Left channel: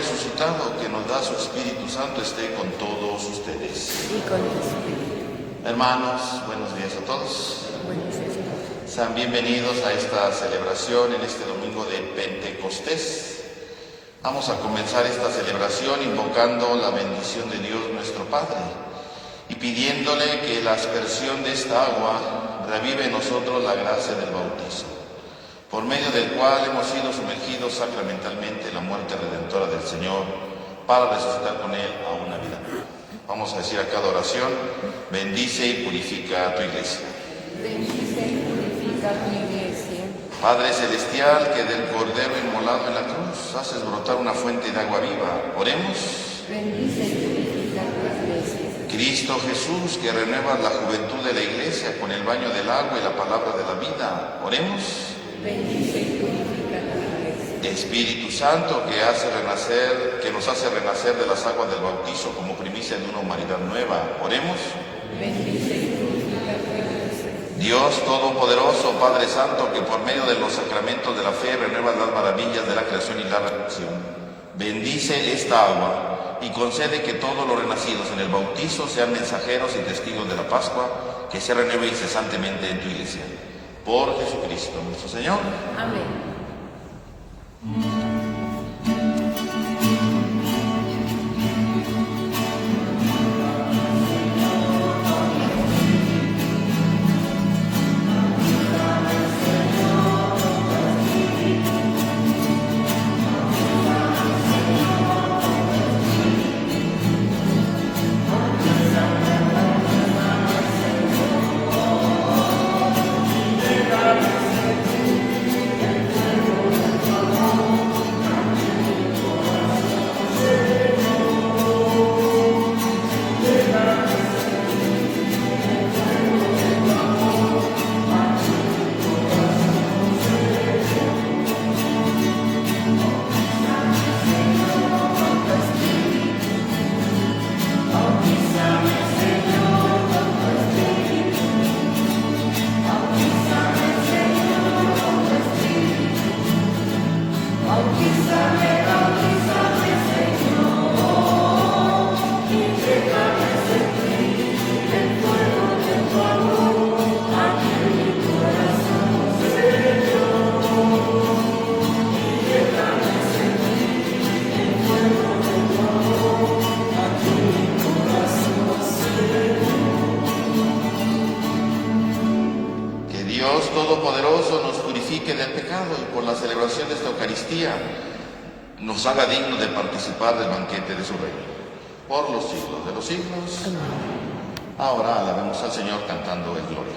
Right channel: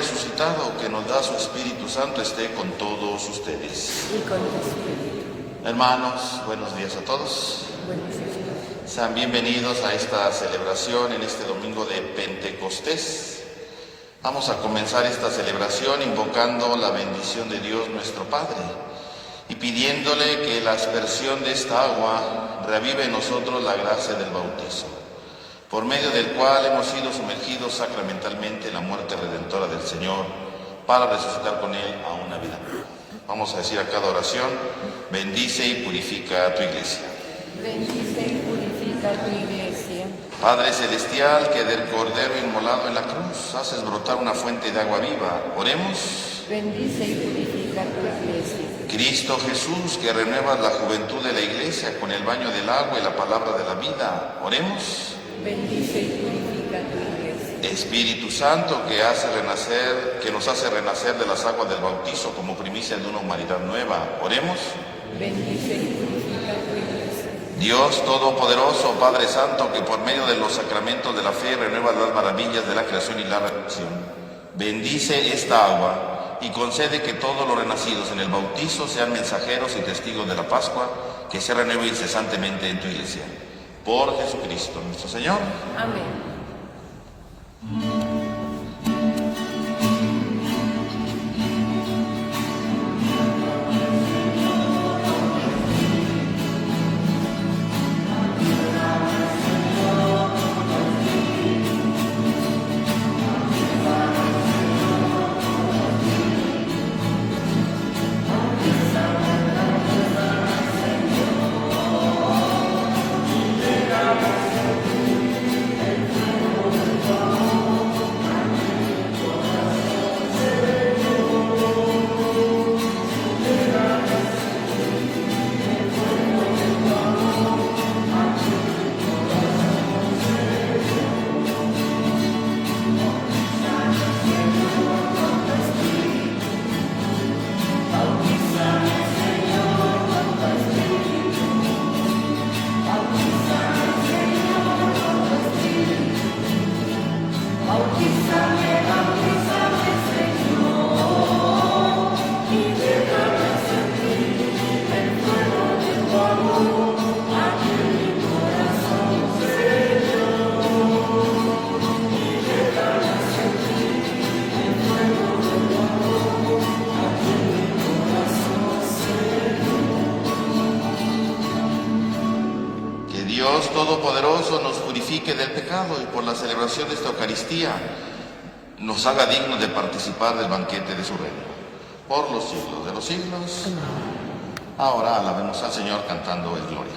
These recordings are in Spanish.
resucitado, que nos da su Espíritu Santo, esté con todos ustedes. Y con el Espíritu. Hermanos, buenos días a todos. Buenos días. Sean bienvenidos a esta celebración en este domingo de Pentecostés. Vamos a comenzar esta celebración invocando la bendición de Dios nuestro Padre y pidiéndole que la aspersión de esta agua reavive en nosotros la gracia del bautismo, por medio del cual hemos sido sumergidos sacramentalmente en la muerte redentora del Señor para resucitar con Él a una vida nueva. Vamos a decir a cada oración: bendice y purifica a tu iglesia. Bendice y purifica tu iglesia. Padre celestial, que del Cordero inmolado en la cruz haces brotar una fuente de agua viva, oremos. Bendice y purifica tu iglesia. Cristo Jesús, que renuevas la juventud de la iglesia con el baño del agua y la palabra de la vida, oremos. Bendice y purifica tu iglesia. Espíritu Santo, que nos hace renacer de las aguas del bautizo como primicia de una humanidad nueva, oremos. Bendice y purifica tu iglesia. Dios Todopoderoso, Padre Santo, que por medio de los sacramentos de la fe renueva las maravillas de la creación y la redención, bendice esta agua y concede que todos los renacidos en el bautizo sean mensajeros y testigos de la Pascua, que se renueve incesantemente en tu iglesia. Por Jesucristo nuestro Señor. Amén. Todopoderoso nos purifique del pecado y por la celebración de esta Eucaristía nos haga dignos de participar del banquete de su reino. Por los siglos de los siglos. Amén. Ahora alabemos al Señor cantando el Gloria.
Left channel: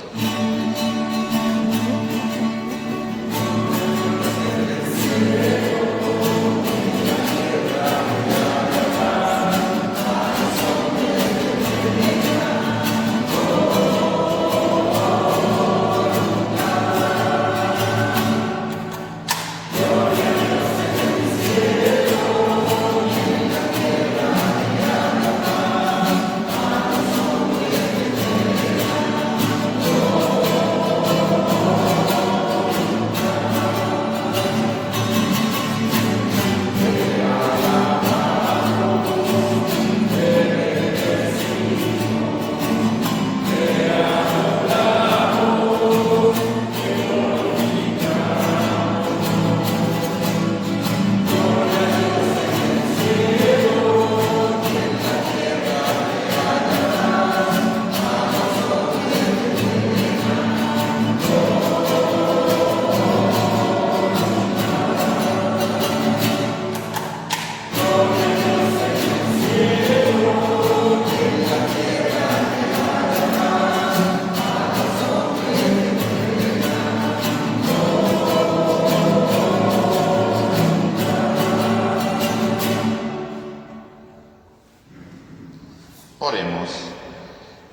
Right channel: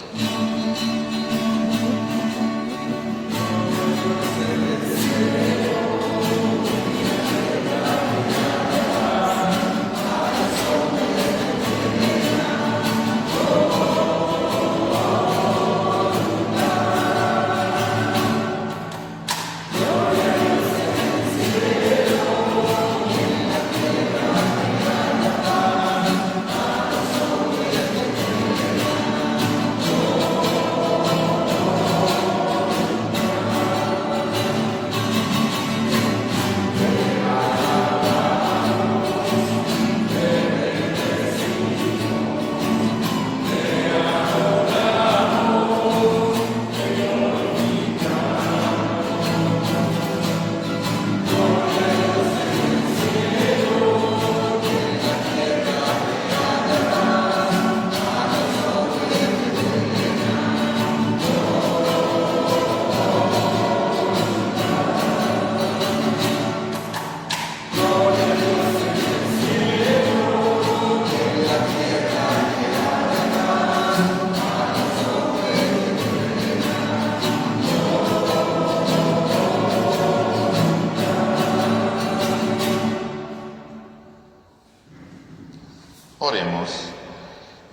Oremos.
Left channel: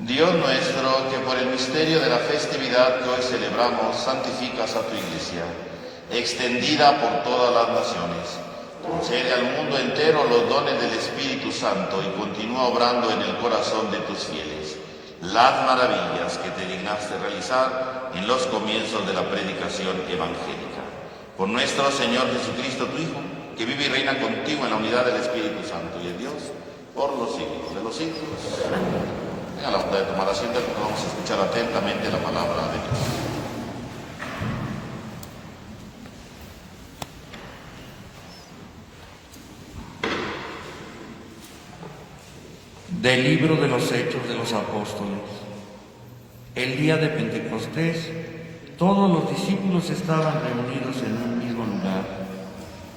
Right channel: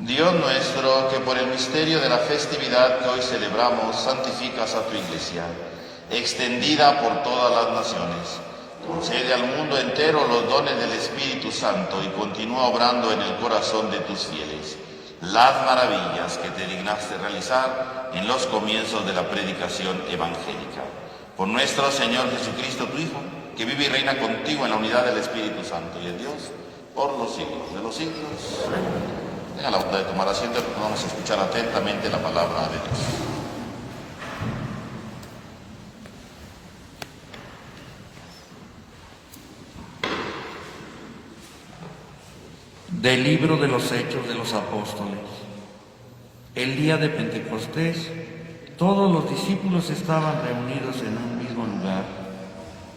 Dios nuestro, que por el misterio de la festividad que hoy celebramos santificas a tu Iglesia, extendida por todas las naciones, concede al mundo entero los dones del Espíritu Santo y continúa obrando en el corazón de tus fieles las maravillas que te dignaste realizar en los comienzos de la predicación evangélica. Por nuestro Señor Jesucristo, tu Hijo, que vive y reina contigo en la unidad del Espíritu Santo y de Dios, por los siglos de los siglos. Amén. A la hora de tomar asiento, vamos a escuchar atentamente la palabra de Dios. Del libro de los Hechos de los Apóstoles. El día de Pentecostés, todos los discípulos estaban reunidos en un mismo lugar.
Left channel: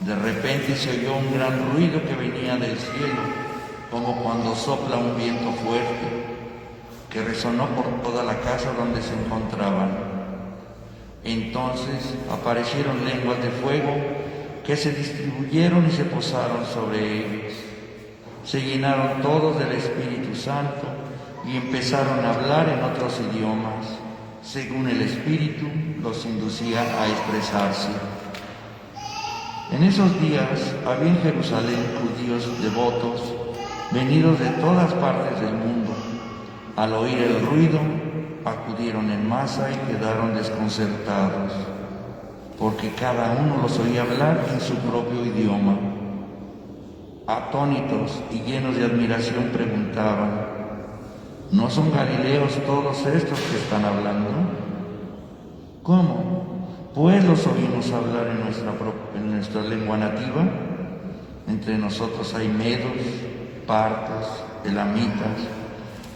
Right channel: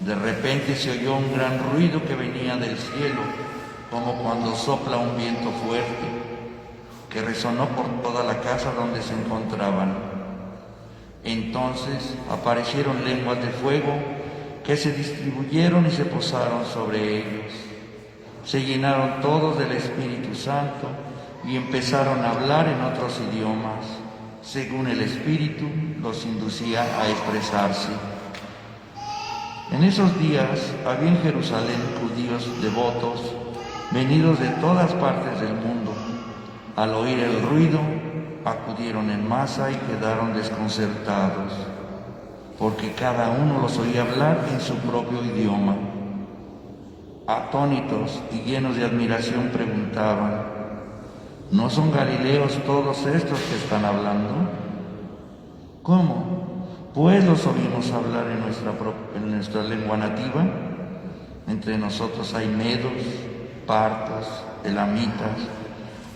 De repente se oyó un gran ruido que venía del cielo, como cuando sopla un viento fuerte, que resonó por toda la casa donde se encontraban. Entonces aparecieron lenguas de fuego que se distribuyeron y se posaron sobre ellos. Se llenaron todos del Espíritu Santo y empezaron a hablar en otros idiomas, según el Espíritu los inducía a expresarse. En esos días había en Jerusalén judíos devotos, venidos de todas partes del mundo. Al oír el ruido, acudieron en masa y quedaron desconcertados, porque cada uno los oía hablar en su propio idioma. Atónitos y llenos de admiración preguntaban: ¿no son galileos todos estos que están hablando? ¿Cómo? Pues los oímos hablar en nuestra lengua nativa. Entre nosotros hay medos, partos, elamitas,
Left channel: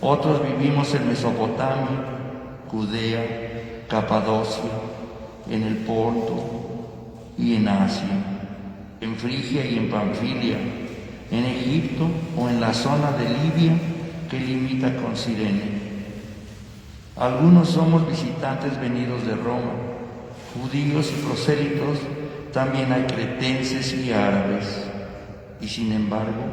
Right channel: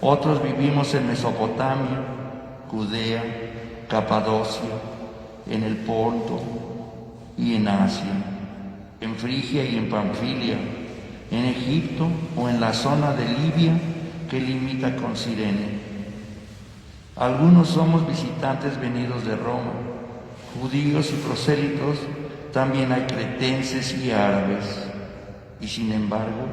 otros vivimos en Mesopotamia, Judea, Capadocia, en el Ponto y en Asia, en Frigia y en Panfilia, en Egipto o en la zona de Libia que limita con Cirene. Algunos somos visitantes venidos de Roma, judíos y prosélitos, también hay cretenses y árabes. Y sin embargo,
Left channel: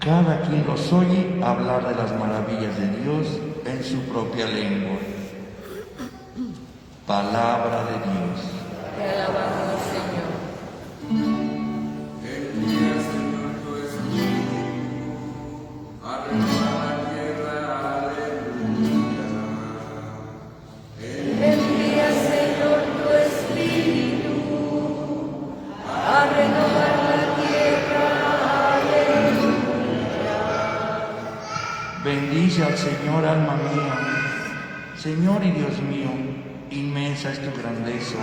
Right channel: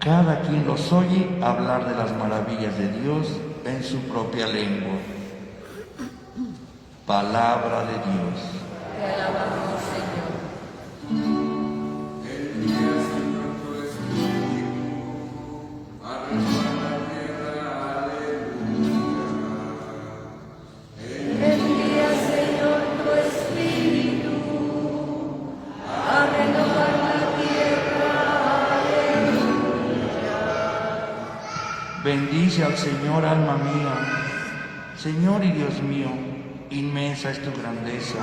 cada quien los oye hablar de las maravillas de Dios en su propia lengua. Palabra de Dios. Te alabamos, Señor. Envía, Señor, tu Espíritu a renovar la tierra. Aleluya. Bendice al Señor, alma mía. Señor y Dios mío, inmensa es tu grandeza.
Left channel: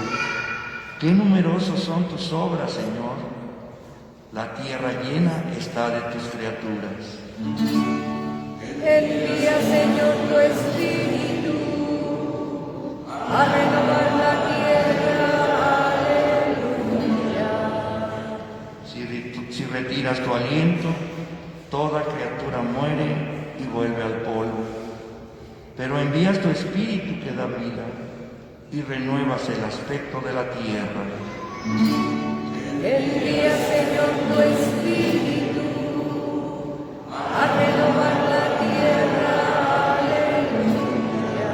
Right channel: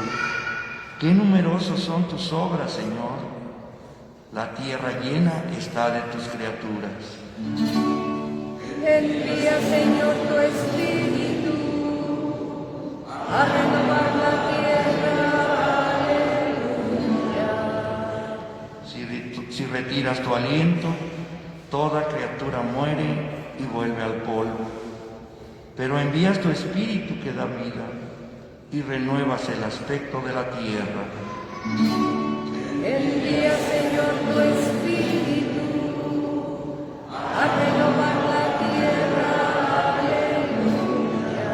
Qué numerosas son tus obras, Señor. La tierra llena está de tus criaturas. Envía, Señor, tu Espíritu a renovar la tierra. Aleluya. Si retiras tu aliento, toda criatura muere y vuelve al polvo. Pero envías tu Espíritu que da vida y renuevas el aspecto de la tierra. Envía, Señor, tu Espíritu a renovar la tierra. Aleluya.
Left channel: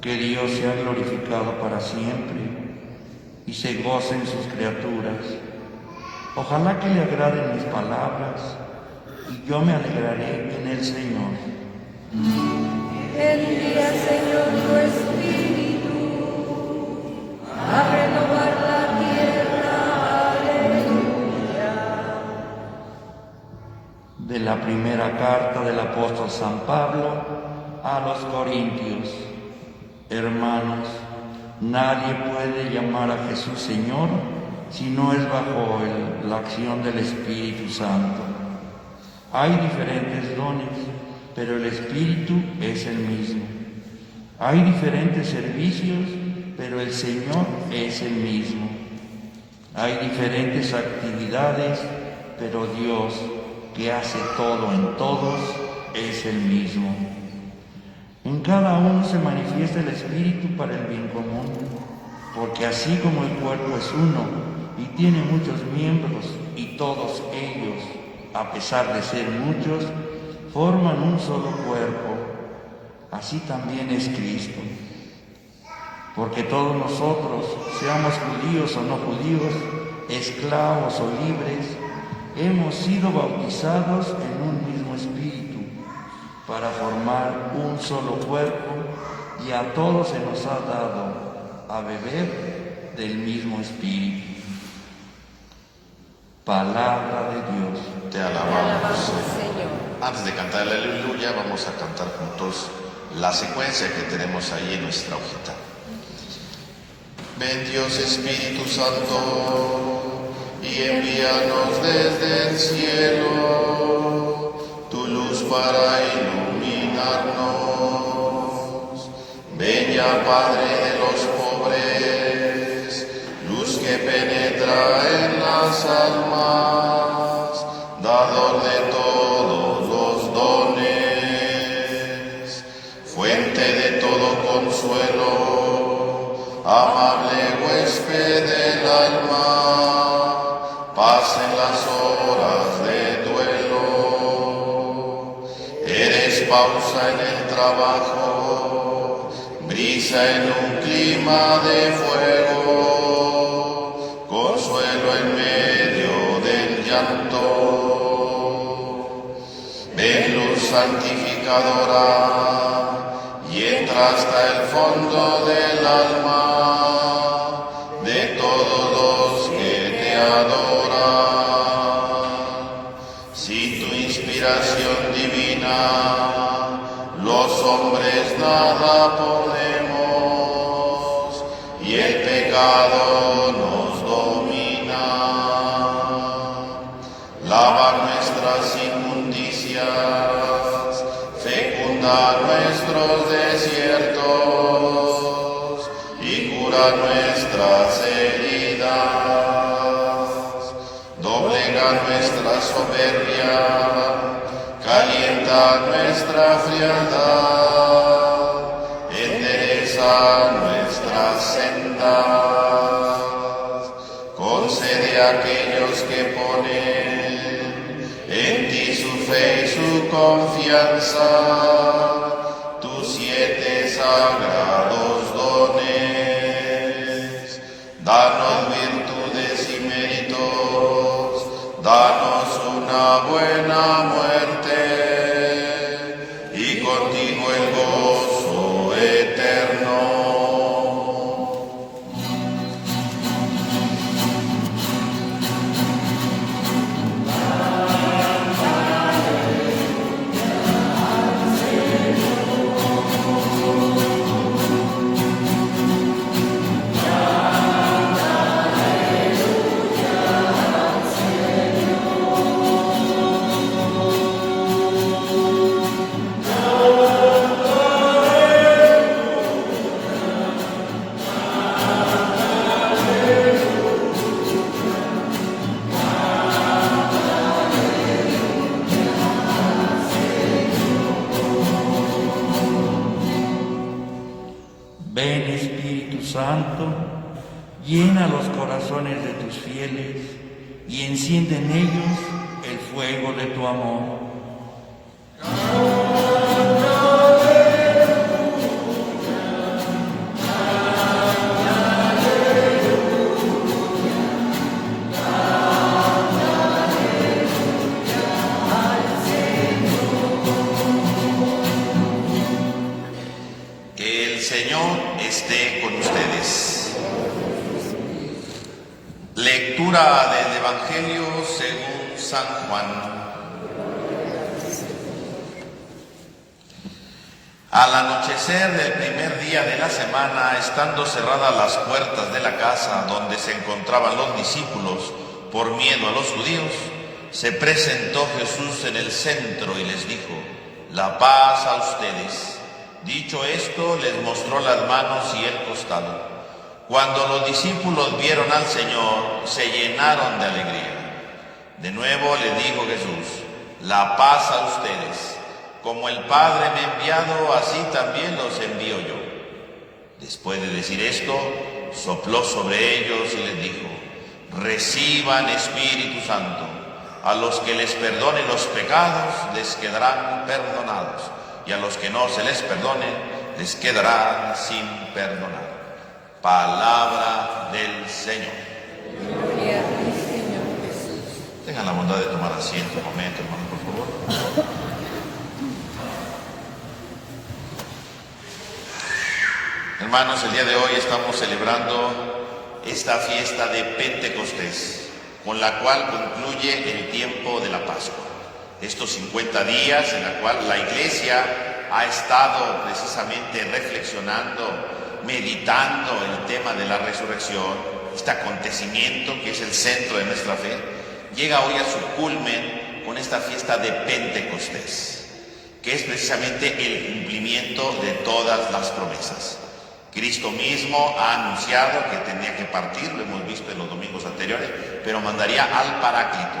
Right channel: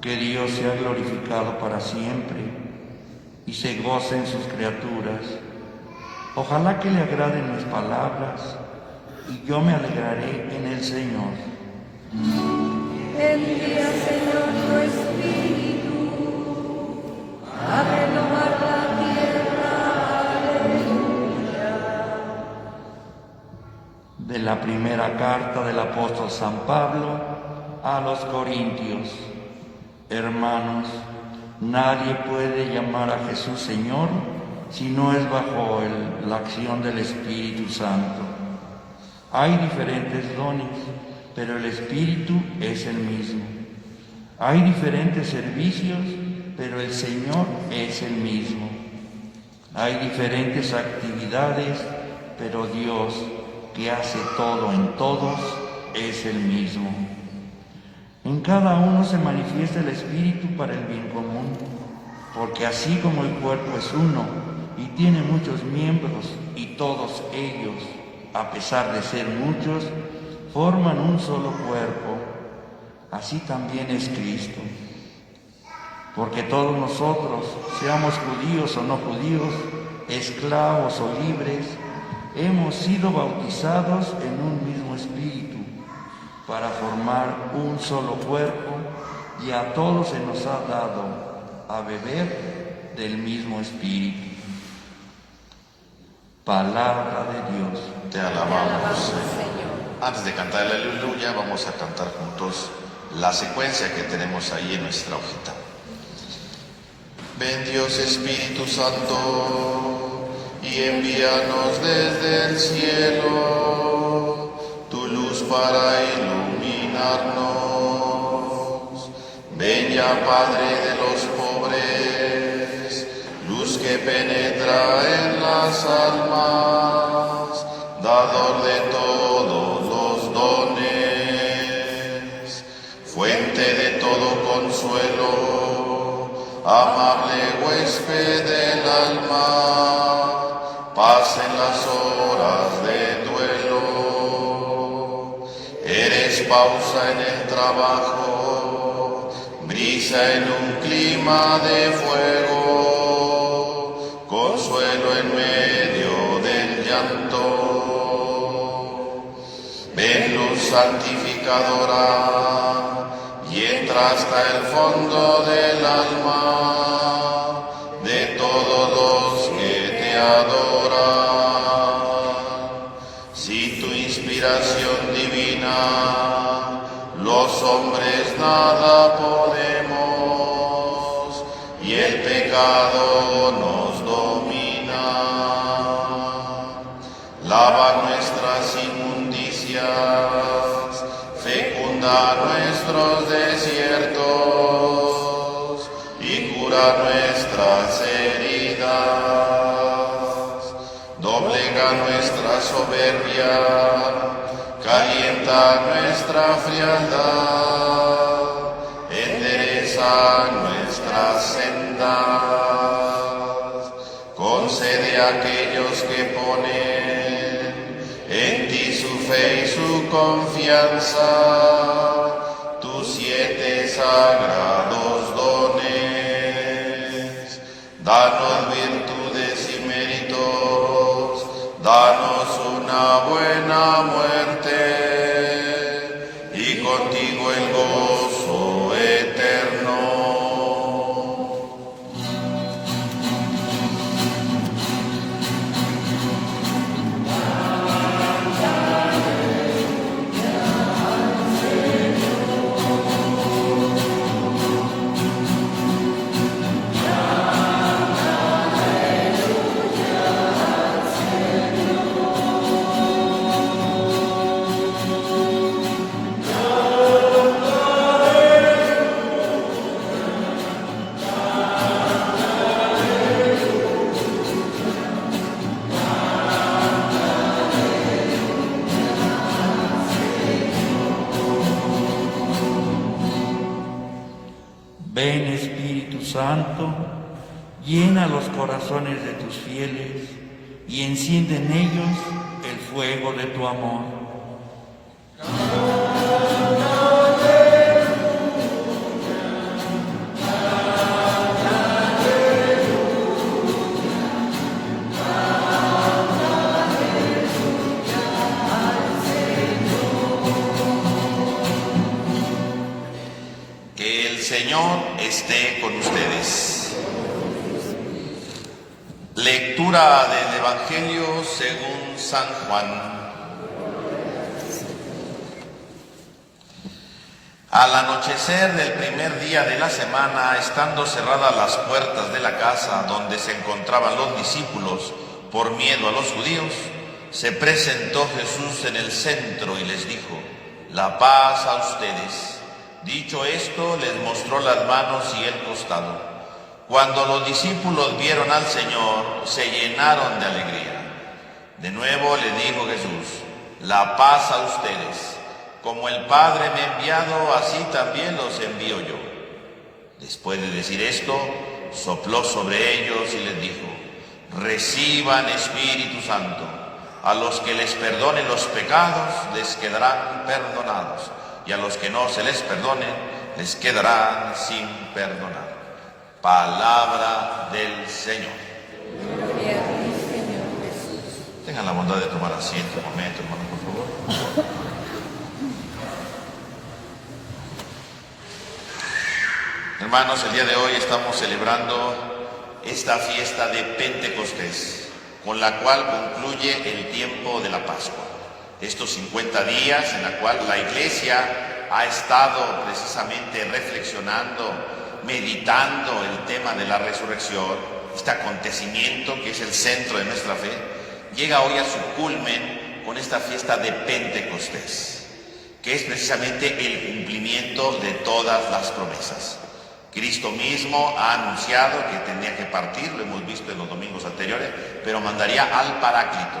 Que Dios sea glorificado para siempre y se gocen sus criaturas. Ojalá que le agraden mis palabras y yo me alegraré en el Señor. Envía, Señor, tu Espíritu a renovar la tierra. Aleluya. De la primera carta del apóstol San Pablo a los Corintios. Hermanos, nadie puede llamar a Jesús Señor si no es bajo la acción del Espíritu Santo. Hay diferentes dones, pero el Espíritu es el mismo. Hay diferentes servicios, pero el Señor es el mismo. Hay diferentes actividades, pero Dios, que hace todo en todos, es el mismo. En cada uno se manifiesta el Espíritu para el bien común, porque así como el cuerpo es uno y tiene muchos miembros, y todos ellos, a pesar de ser muchos, forman un solo cuerpo, así también es Cristo. Porque todos nosotros, seamos judíos o no judíos, esclavos o libres, hemos sido bautizados en un mismo Espíritu, para formar un solo cuerpo, y a todos se nos ha dado a beber del mismo Espíritu. Palabra de Dios. Te Te alabamos. alabamos, Señor. Antes de cantar el aleluya, vamos a cantar juntos la secuencia que tenemos ahí en nuestra hojita. Ven Dios Espíritu Santo y envíanos desde el cielo tu luz para iluminarnos. Ven ya Padre de los pobres, luz que penetra en las almas, dador de todos los dones, fuente de todo consuelo, amable huésped del alma, paz en las horas de duelo. Eres pausa en el trabajo, brisa en un clima de fuego, consuelo en medio del llanto. Ven luz santificadora y entras hasta el fondo del alma de todos los que te adoran. Sin tu inspiración divina, los hombres nada podemos y el pecado nos domina. Lavar nuestras inmundicias, fecundar nuestros desiertos y curar nuestras heridas, doblegar nuestra soberbia, calientar nuestra frialdad, enderezar nuestras sendas, concede a aquellos que ponen en ti su fe y su confianza, tus 7 sagrados dones. Danos virtudes y méritos, danos una buena muerte y contigo el gozo eterno. Ven Espíritu Santo, llena los corazones de tus fieles y enciende en ellos el fuego de tu amor. Que el Señor esté con ustedes. Lectura del Evangelio según San Juan. Al anochecer del primer día de la semana, estando cerradas las puertas de la casa donde se encontraban los discípulos por miedo a los judíos, se presentó Jesús en el centro y les dijo: «La paz a ustedes». Dicho esto, les mostró las manos y el costado. Cuando los discípulos vieron al Señor, se llenaron de alegría. De nuevo le dijo Jesús: «La paz a ustedes. Como el Padre me ha enviado, así también los envío yo». Después de decir esto, sopló sobre ellos y les dijo: «Reciban Espíritu Santo. A los que les perdone los pecados, les quedarán perdonados, y a los que no se les perdone, les quedarán sin perdonar». Palabra del Señor. Gloria a ti, Señor Jesús. Tengan la bondad de tomar asiento un momento, hermano, por favor. Hermanos, el día de hoy estamos celebrando esta fiesta de Pentecostés. con la cual concluye el tiempo de la Pascua. Estos 50 días en la cual la Iglesia ha estado precisamente reflexionando, meditando el tema de la resurrección, este acontecimiento que es el centro de nuestra fe, llega hoy a su culmen con esta fiesta de Pentecostés, que es precisamente el cumplimiento de todas las promesas. Cristo mismo ha anunciado que tenía que partir, lo hemos visto en los domingos anteriores, pero mandaría al Paráclito.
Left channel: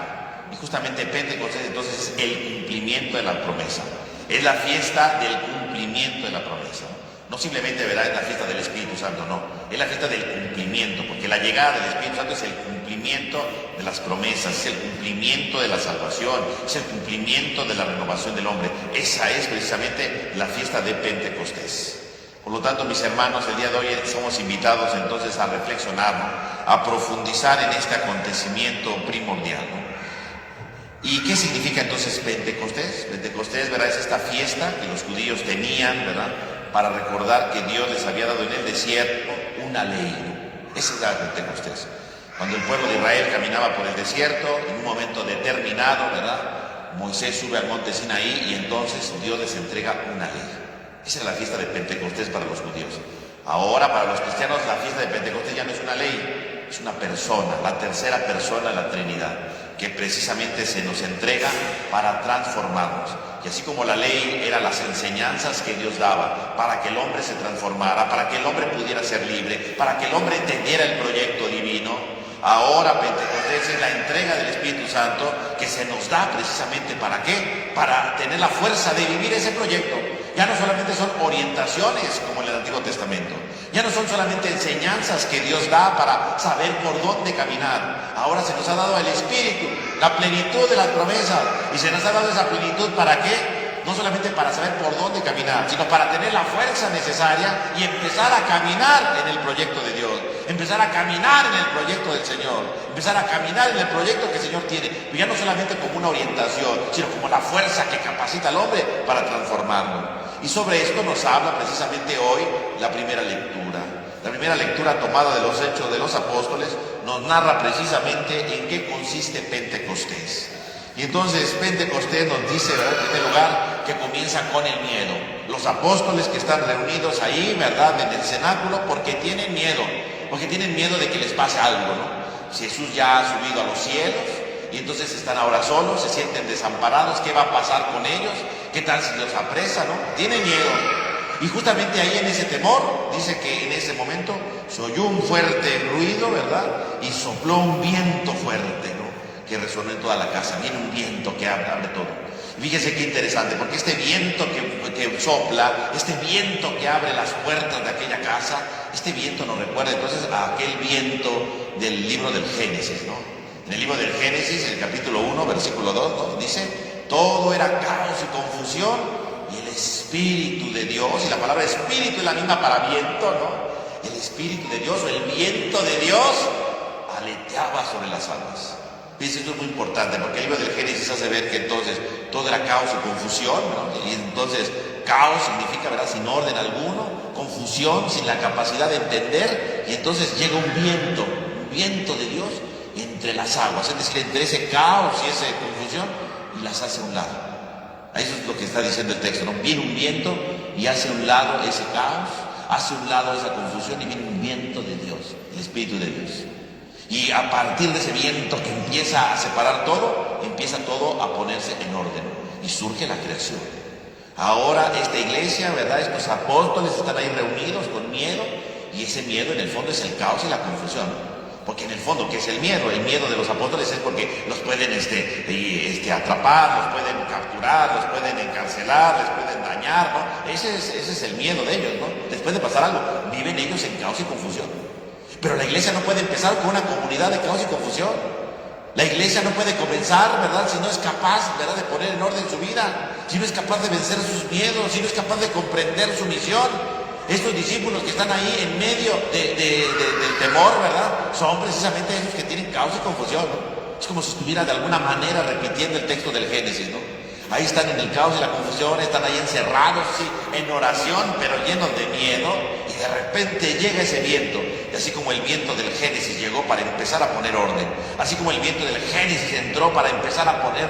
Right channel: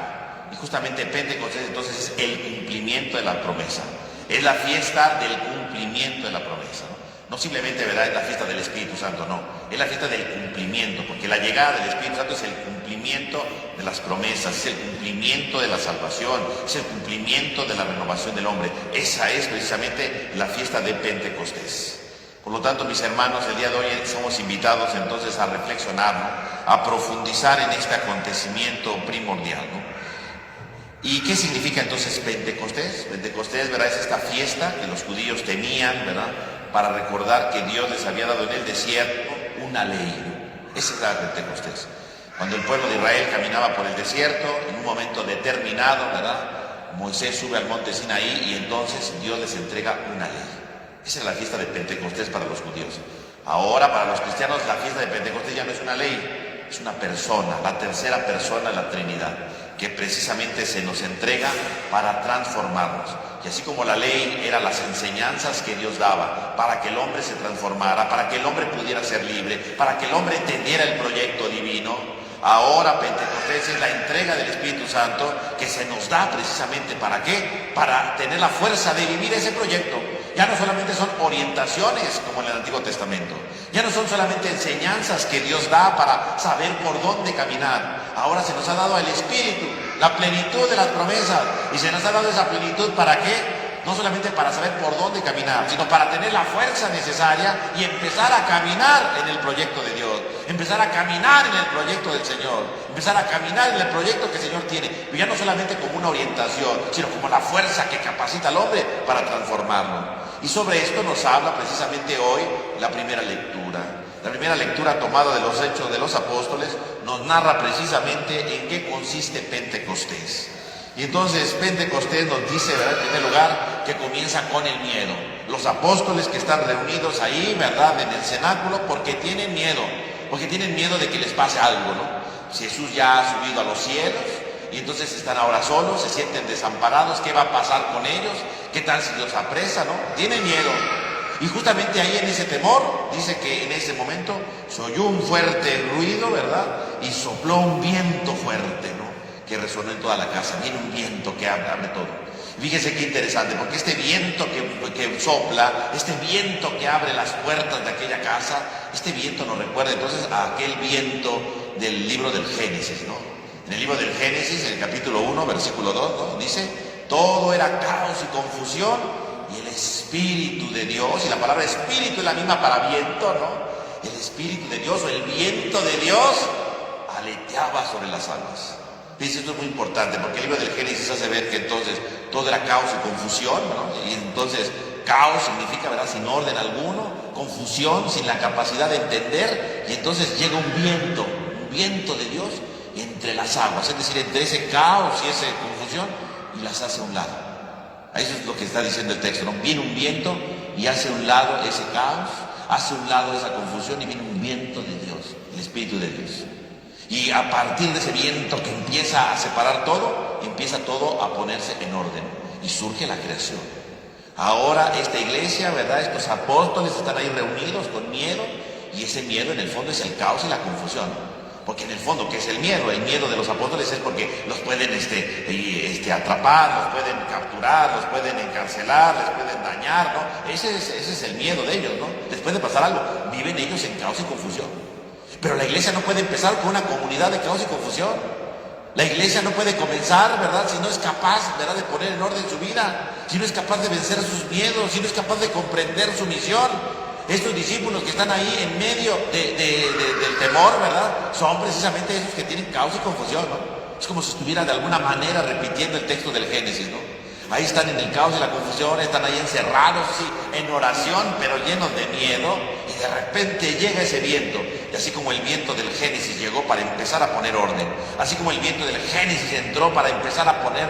Y justamente Pentecostés entonces es el cumplimiento de la promesa. Es la fiesta del cumplimiento de la promesa. No simplemente, ¿verdad?, es la fiesta del Espíritu Santo, no. Es la fiesta del cumplimiento, porque la llegada del Espíritu Santo es el cumplimiento de las promesas, es el cumplimiento de la salvación, es el cumplimiento de la renovación del hombre. Esa es precisamente la fiesta de Pentecostés. Por lo tanto, mis hermanos, el día de hoy somos invitados entonces a reflexionar, ¿no?, a profundizar en este acontecimiento primordial, ¿no? ¿Y qué significa entonces Pentecostés? Pentecostés, ¿verdad?, es esta fiesta que los judíos tenían, ¿verdad?, para recordar que Dios les había dado en el desierto una ley. Esa es la Pentecostés. Cuando el pueblo de Israel caminaba por el desierto, en un momento determinado, ¿verdad?, Moisés sube al monte Sinaí y entonces Dios les entrega una ley. Esa es la fiesta de Pentecostés para los judíos. Ahora, para los cristianos, la fiesta de Pentecostés ya no es una ley, es una persona, la tercera persona de la Trinidad, que precisamente se nos entrega para transformarnos. Y así como la ley era las enseñanzas que Dios daba para que el hombre se transformara, para que el hombre pudiera ser libre, para que el hombre entendiera el proyecto divino, ahora Pentecostés es la entrega del Espíritu Santo que se nos da precisamente ¿para qué? Para tener la fuerza de vivir ese proyecto. Ya no solamente son orientaciones como en el Antiguo Testamento, ya no son solamente enseñanzas que Dios da para saber por dónde caminar. Ahora se nos ha dado el Espíritu, la plenitud de las promesas, y se nos ha dado esa plenitud ¿para qué? No solamente para saber por dónde caminar, sino para tener la fuerza necesaria y empezar a caminar en el proyecto de Dios, empezar a caminar en el proyecto del Señor, empezar a caminar en el proyecto que el Señor tiene, y ya no solamente como una orientación, sino como la fuerza que capacita al hombre para transformarlo. Y sobre esto nos habla precisamente hoy la primera lectura. La primera lectura tomada de los Hechos de los Apóstoles nos narra precisamente en qué consiste Pentecostés. Y entonces Pentecostés nos dice, ¿verdad?, en primer lugar, que comienza con el miedo. Los apóstoles que están reunidos ahí, ¿verdad?, en el cenáculo, porque tienen miedo de que les pase algo, ¿no? Jesús ya ha subido a los cielos, y entonces están ahora solos, se sienten desamparados. ¿Qué va a pasar con ellos? ¿Qué tal si los apresa, no? Tienen miedo. Y justamente ahí en ese temor, dice que en ese momento se oyó un fuerte ruido, ¿verdad?, y sopló un viento fuerte, ¿no?, que resonó en toda la casa. Viene un viento que abre todo. Fíjese qué interesante, porque este viento que sopla, este viento que abre las puertas de aquella casa, este viento nos recuerda entonces a aquel viento del libro del Génesis, ¿no? En el libro del Génesis, en el capítulo 1, versículo 2, ¿no?, dice: todo era caos y confusión, y el Espíritu de Dios, y la palabra Espíritu es la misma para viento, ¿no? El Espíritu de Dios, o el viento de Dios, aleteaba sobre las aguas. Y eso es muy importante, porque el libro del Génesis hace ver que entonces todo era caos y confusión, ¿no? Y entonces caos significa, ¿verdad?, sin orden alguno, confusión, sin la capacidad de entender, y entonces llega un viento de Dios entre las aguas, es decir, entre ese caos y esa confusión, y las hace a un lado. Eso es lo que está diciendo el texto, ¿no? Viene un viento y hace a un lado ese caos, hace a un lado esa confusión, y viene un viento de Dios, el Espíritu de Dios. Y a partir de ese viento que empieza a separar todo, empieza todo a ponerse en orden, y surge la creación. Ahora esta iglesia, ¿verdad?, estos apóstoles están ahí reunidos con miedo, y ese miedo en el fondo es el caos y la confusión. Porque en el fondo, ¿qué es el miedo? El miedo de los apóstoles es porque los pueden atrapar, los pueden capturar, los pueden encarcelar, los pueden dañar, ¿no? Ese es el miedo de ellos, ¿no? Después de pasar algo, viven ellos en caos y confusión. Pero la iglesia no puede empezar con una comunidad de caos y confusión. La iglesia no puede comenzar, ¿verdad?, si no es capaz, ¿verdad?, de poner en orden su vida, si no es capaz de vencer sus miedos, si no es capaz de comprender su misión. Estos discípulos que están ahí en medio del temor, ¿verdad?, son precisamente esos que tienen caos y confusión, ¿no? Es como si estuviera de alguna manera repitiendo el texto del Génesis, ¿no? Ahí están en el caos y la confusión, están ahí encerrados, sí, en oración, pero llenos de miedo, y de repente llega ese viento Y así como el viento del Génesis llegó para empezar a poner orden, así como el viento del Génesis entró para empezar a poner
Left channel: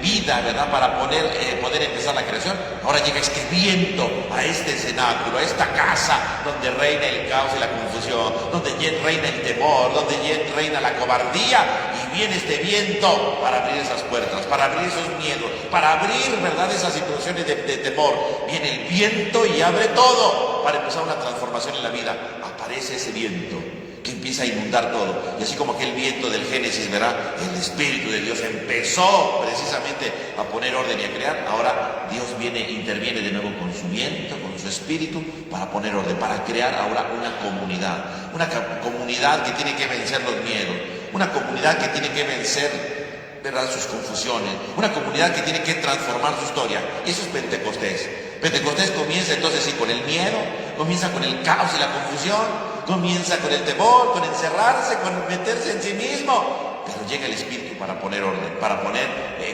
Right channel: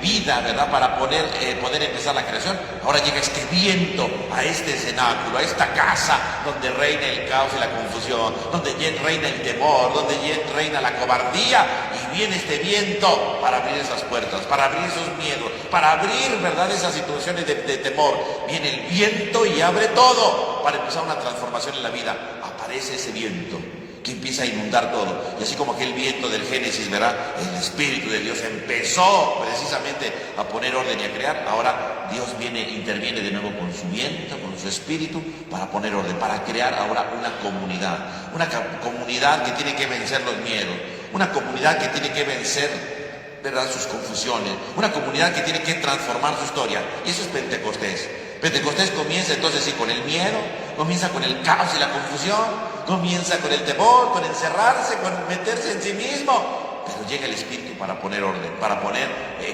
vida, ¿verdad? Para poder empezar la creación, ahora llega este viento a este cenáculo, a esta casa donde reina el caos y la confusión, donde reina el temor, donde reina la cobardía, y viene este viento para abrir esas puertas, para abrir esos miedos, para abrir, ¿verdad?, esas situaciones de temor. Viene el viento y abre todo para empezar una transformación en la vida. Aparece ese viento que empieza a inundar todo. Y así como aquel viento del Génesis, ¿verdad?, el Espíritu de Dios empezó precisamente a poner orden y a crear. Ahora Dios interviene de nuevo con su viento, con su Espíritu, para poner orden, para crear ahora una comunidad que tiene que vencer los miedos, una comunidad que tiene que vencer, ¿verdad?, sus confusiones, una comunidad que tiene que transformar su historia. Y eso es Pentecostés. Pentecostés comienza entonces sí con el miedo, comienza con el caos y la confusión, comienza con el temor, con encerrarse, con meterse en sí mismo, pero llega el Espíritu para poner orden, para poner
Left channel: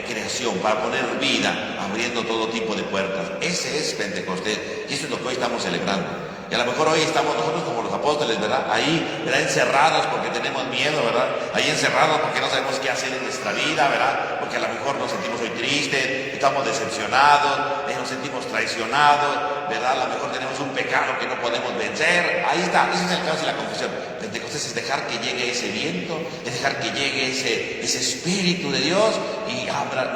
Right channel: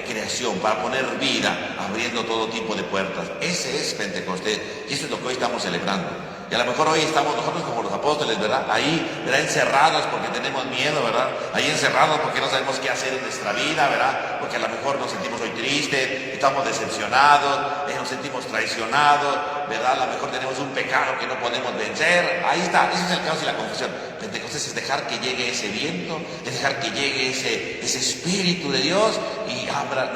creación, para poner vida, abriendo todo tipo de puertas. Ese es Pentecostés, y eso es lo que hoy estamos celebrando. Y a lo mejor hoy estamos nosotros como los apóstoles, ¿verdad?, ahí, ¿verdad?, encerrados porque tenemos miedo, ¿verdad?, ahí encerrados porque no sabemos qué hacer en nuestra vida, ¿verdad?, porque a lo mejor nos sentimos hoy tristes, estamos decepcionados, nos sentimos traicionados, ¿verdad?, a lo mejor tenemos un pecado que no podemos vencer. Ahí está, ese es el caos y la confusión. Pentecostés es dejar que llegue ese viento, es dejar que llegue ese Espíritu de Dios y abra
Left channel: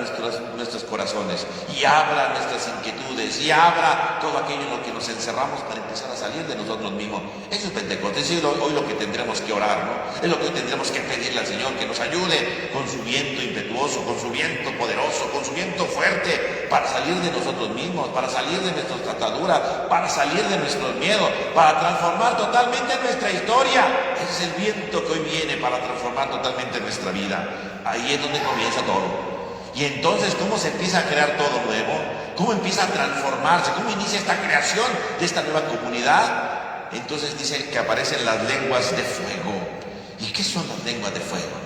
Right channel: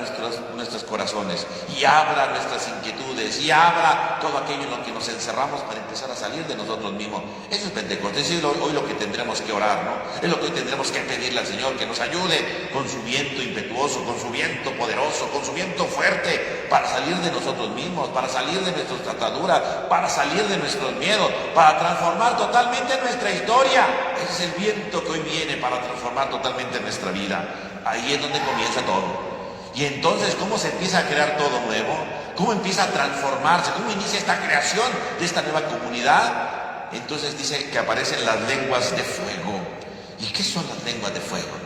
nuestros corazones, y abra nuestras inquietudes, y abra todo aquello en lo que nos encerramos para empezar a salir de nosotros mismos. Eso es Pentecostés, es hoy lo que tendremos que orar, ¿no? Es lo que hoy tendremos que pedirle al Señor, que nos ayude con su viento impetuoso, con su viento poderoso, con su viento fuerte, para salir de nosotros mismos, para salir de nuestras ataduras, para salir de nuestros miedos, para transformar totalmente nuestra historia. Ese es el viento que hoy viene para transformar totalmente nuestra vida. Ahí es donde comienza todo. Y entonces, ¿cómo se empieza a crear todo nuevo? ¿Cómo empieza a transformarse? ¿Cómo inicia esta creación de esta nueva comunidad? Entonces dice que aparecen las lenguas de fuego. ¿Y qué son las lenguas de fuego?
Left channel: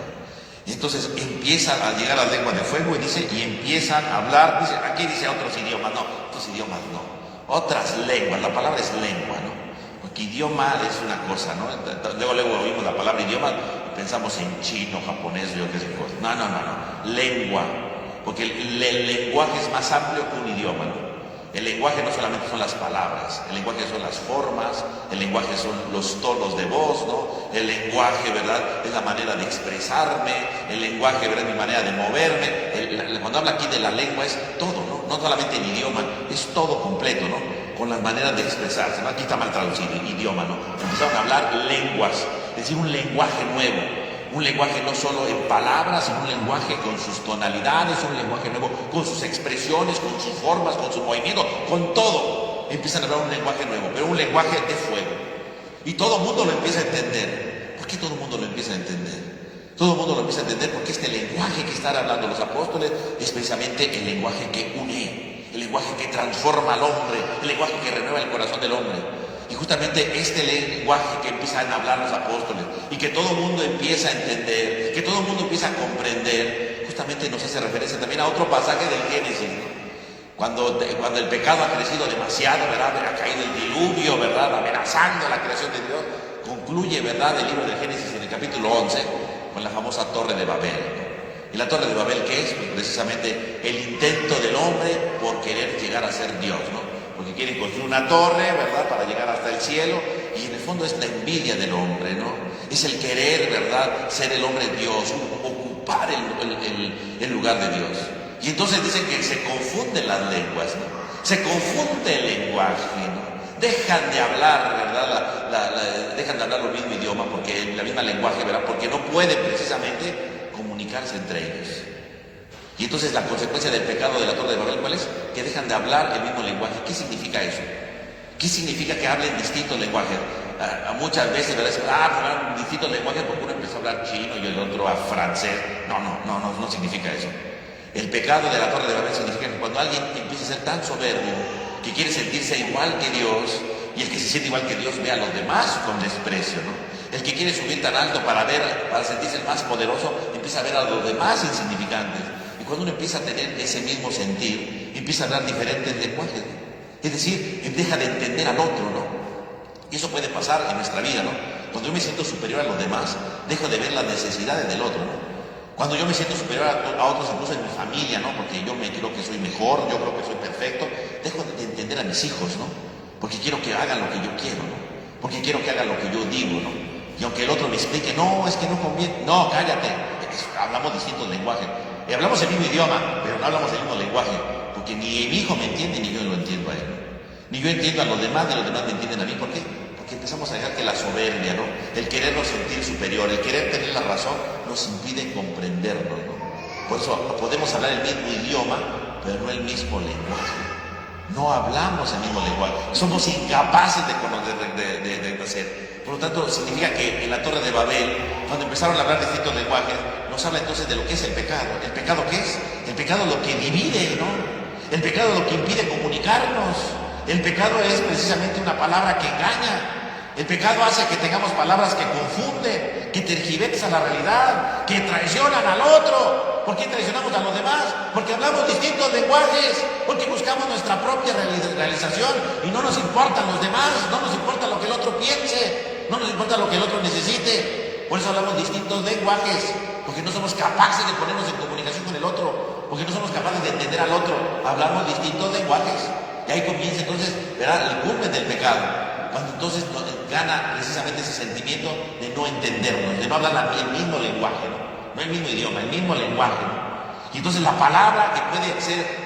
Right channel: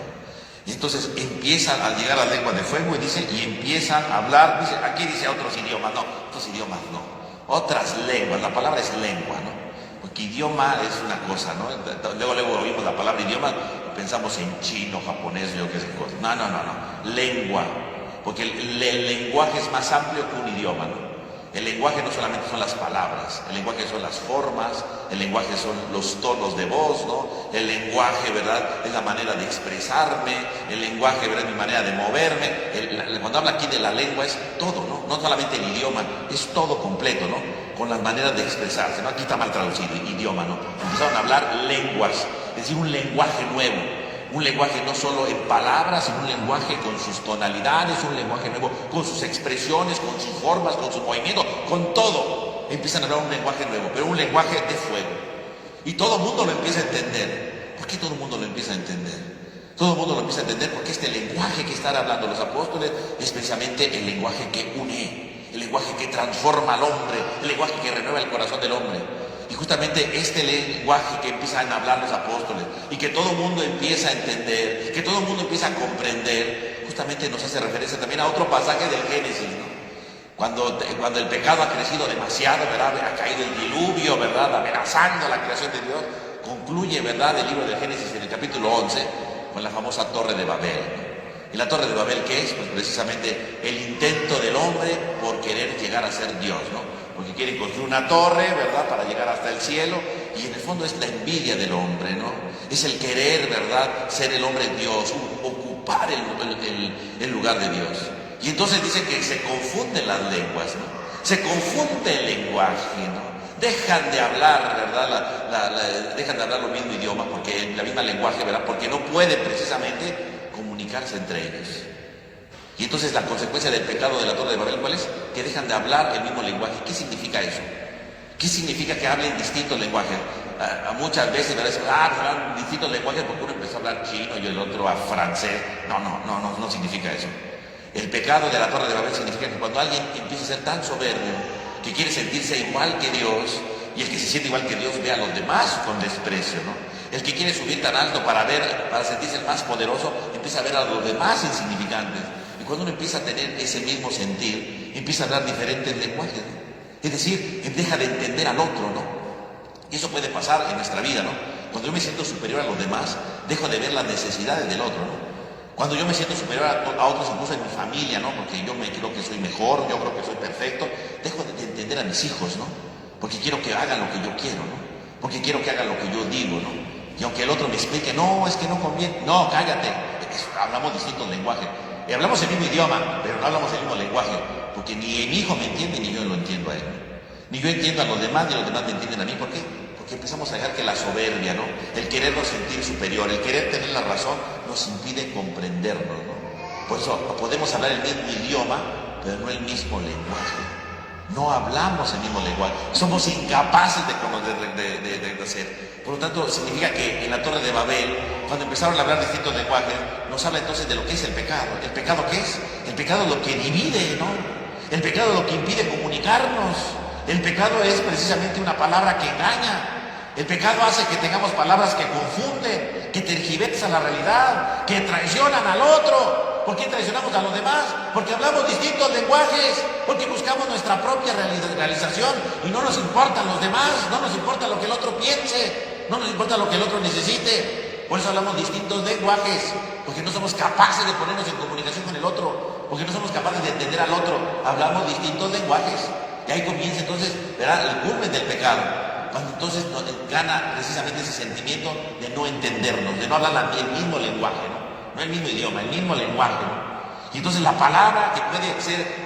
Y entonces empiezan a llegar las lenguas de fuego, dice, y empiezan a hablar, dice, aquí dice otros idiomas, no, otros idiomas no, otras lenguas, la palabra es lengua, ¿no? Porque idioma es una cosa, ¿no? Luego oímos la palabra idioma, pensamos en chino, japonés, yo qué sé cosa. No, lengua, porque el lenguaje es más amplio que un idioma, ¿no? El lenguaje no solamente son las palabras, el lenguaje son las formas, el lenguaje son los tonos de voz, ¿no? El lenguaje, ¿verdad?, es la manera de expresarme, el lenguaje, ¿verdad?, es mi manera de moverme. Cuando habla aquí de la lengua es todo, ¿no? No solamente el idioma, es todo completo, ¿no? Con las maneras de expresarse, ¿no? Aquí está mal traducido, idioma, ¿no? Empezaron a hablar lenguas, es decir, un lenguaje nuevo. Un lenguaje no solo en palabras, sino un lenguaje con sus tonalidades, un lenguaje nuevo con sus expresiones, con sus formas, con sus movimientos, con todo. Empiezan a hablar un lenguaje nuevo, pero un lenguaje de fuego. Y todo el mundo lo empieza a entender. ¿Por qué todo el mundo lo empieza a entender? Todo el mundo lo empieza a entender porque este lenguaje que están hablando los apóstoles es precisamente el lenguaje que une, el lenguaje que transforma al hombre, el lenguaje que renueva el corazón del hombre. Y justamente este lenguaje que empiezan a hablar los apóstoles y que todo el mundo empieza a entender, que todo el mundo empieza a comprender, justamente nos hace referencia también a otro pasaje del Génesis, ¿no? Cuando el pecado ha crecido demasiado, ¿verdad?, ha caído el diluvio, ¿verdad?, amenazando la creación de Dios, concluye, ¿verdad?, el libro de Génesis en el capítulo 11 con la famosa Torre de Babel. ¿Y la Torre de Babel qué es? Pues precisamente el intento del hombre por querer llegar a ser Dios, ¿no? Porque quieren construir una torre, ¿verdad?, para llegar hasta el cielo, y en el fondo es la envidia del hombre, ¿no? Es el querer, ¿verdad?, ser el hombre Dios, ocupar el lugar de Dios. Y entonces dicen que se confunden las lenguas, ¿no? Se confunde el lenguaje, ¿no? Dejan de hablar, ¿verdad?, dejan de hablar el mismo idioma, porque la misma lenguaje, ¿verdad?, porque no pueden precisamente comunicarse entre ellos. Y entonces la consecuencia del pecado de la Torre de Babel, ¿cuál es? Que dejan de hablar el mismo lenguaje. ¿Qué significa eso? ¿Qué significa que hablen distinto lenguaje? Muchas veces, ¿verdad?, hablan distinto lenguaje porque uno empieza a hablar chino y el otro a francés. No significa eso. El pecado de la Torre de Babel significa que cuando alguien empieza a ser tan soberbio que quiere sentirse igual que Dios, y el que se siente igual que Dios ve a los demás con desprecio, ¿no? El que quiere subir tan alto para sentirse más poderoso, empieza a ver a los demás insignificantes. Y cuando uno empieza a tener ese mismo sentir, empieza a hablar diferentes lenguajes, ¿no? Es decir, deja de entender al otro, ¿no? Y eso puede pasar en nuestra vida, ¿no? Cuando yo me siento superior a los demás, dejo de ver las necesidades del otro, ¿no? Cuando yo me siento superior a otros, incluso en mi familia, ¿no? Porque yo me creo que soy mejor, yo creo que soy perfecto, dejo de entender a mis hijos, ¿no? Porque quiero que hagan lo que yo quiero, ¿no? Porque quiero que hagan lo que yo digo, ¿no? Y aunque el otro me explique, no, es que no conviene, no, cállate, hablamos distintos lenguajes. Hablamos el mismo idioma, pero no hablamos el mismo lenguaje, porque ni mi hijo me entiende ni yo lo entiendo a él. Ni yo entiendo a los demás, ni los demás me entienden a mí. ¿Por qué? Porque empezamos a dejar que la soberbia, ¿no? El querernos sentir superior, el querer tener la razón, nos impide comprendernos, ¿no? Por eso podemos hablar el mismo idioma, pero no el mismo lenguaje. No hablamos el mismo lenguaje. Somos incapaces de hacer. Por lo tanto, significa que en la Torre de Babel, cuando empezaron a hablar distintos lenguajes, nos habla entonces de lo que es el pecado. ¿El pecado qué es? El pecado es lo que divide, ¿no? El pecado es lo que impide comunicarnos. El pecado es precisamente una palabra que engaña. El pecado hace que tengamos palabras que confunden, que tergiversan la realidad, que traicionan al otro. ¿Por qué traicionamos a los demás? Porque hablamos distintos lenguajes, porque buscamos nuestra propia realización y no nos importan los demás, no nos importa lo que el otro piense, no nos importa lo que el otro necesite. Por eso hablamos distintos lenguajes, porque no somos capaces de ponernos en comunicación con el otro, porque no somos capaces de entender al otro. Hablamos distintos lenguajes. Y ahí comienza entonces, ¿verdad?, el culmen del pecado. Cuando entonces nos gana precisamente ese sentimiento de no entendernos, de no hablar el mismo lenguaje, no el mismo idioma, el mismo lenguaje, ¿no? Y entonces la palabra que puede ser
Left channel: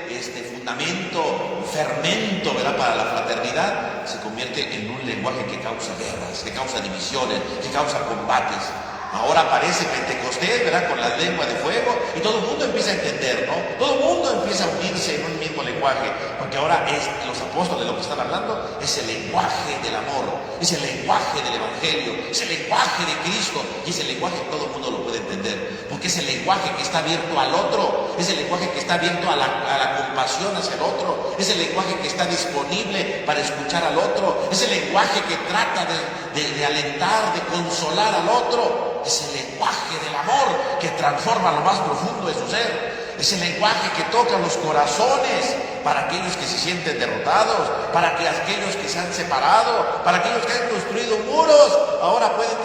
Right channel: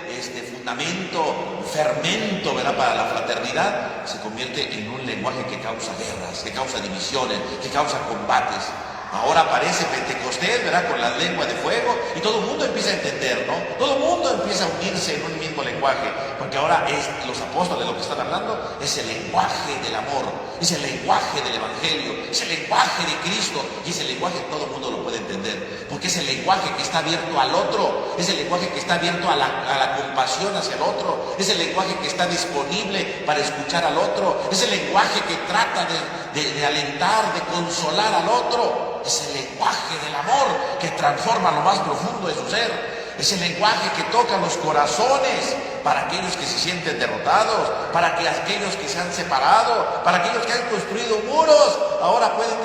fundamento, fermento, ¿verdad?, para la fraternidad, se convierte en un lenguaje que causa guerras, que causa divisiones, que causa combates. Ahora aparece Pentecostés, ¿verdad?, con la lengua de fuego, y todo el mundo empieza a entender, ¿no? Todo el mundo empieza a unirse en un mismo lenguaje, porque ahora los apóstoles de lo que están hablando es el lenguaje del amor, es el lenguaje del Evangelio, es el lenguaje de Cristo, y ese lenguaje todo el mundo lo puede entender, porque es el lenguaje que está abierto al otro, es el lenguaje que está abierto a la compasión hacia el otro, es el lenguaje que está disponible para escuchar al otro, es el lenguaje que trata de alentar, de consolar al otro. Es el lenguaje del amor que transforma lo más profundo de su ser. Es el lenguaje que toca los corazones para aquellos que se sienten derrotados, para que aquellos que se han separado, para aquellos que han construido muros, ahora pueden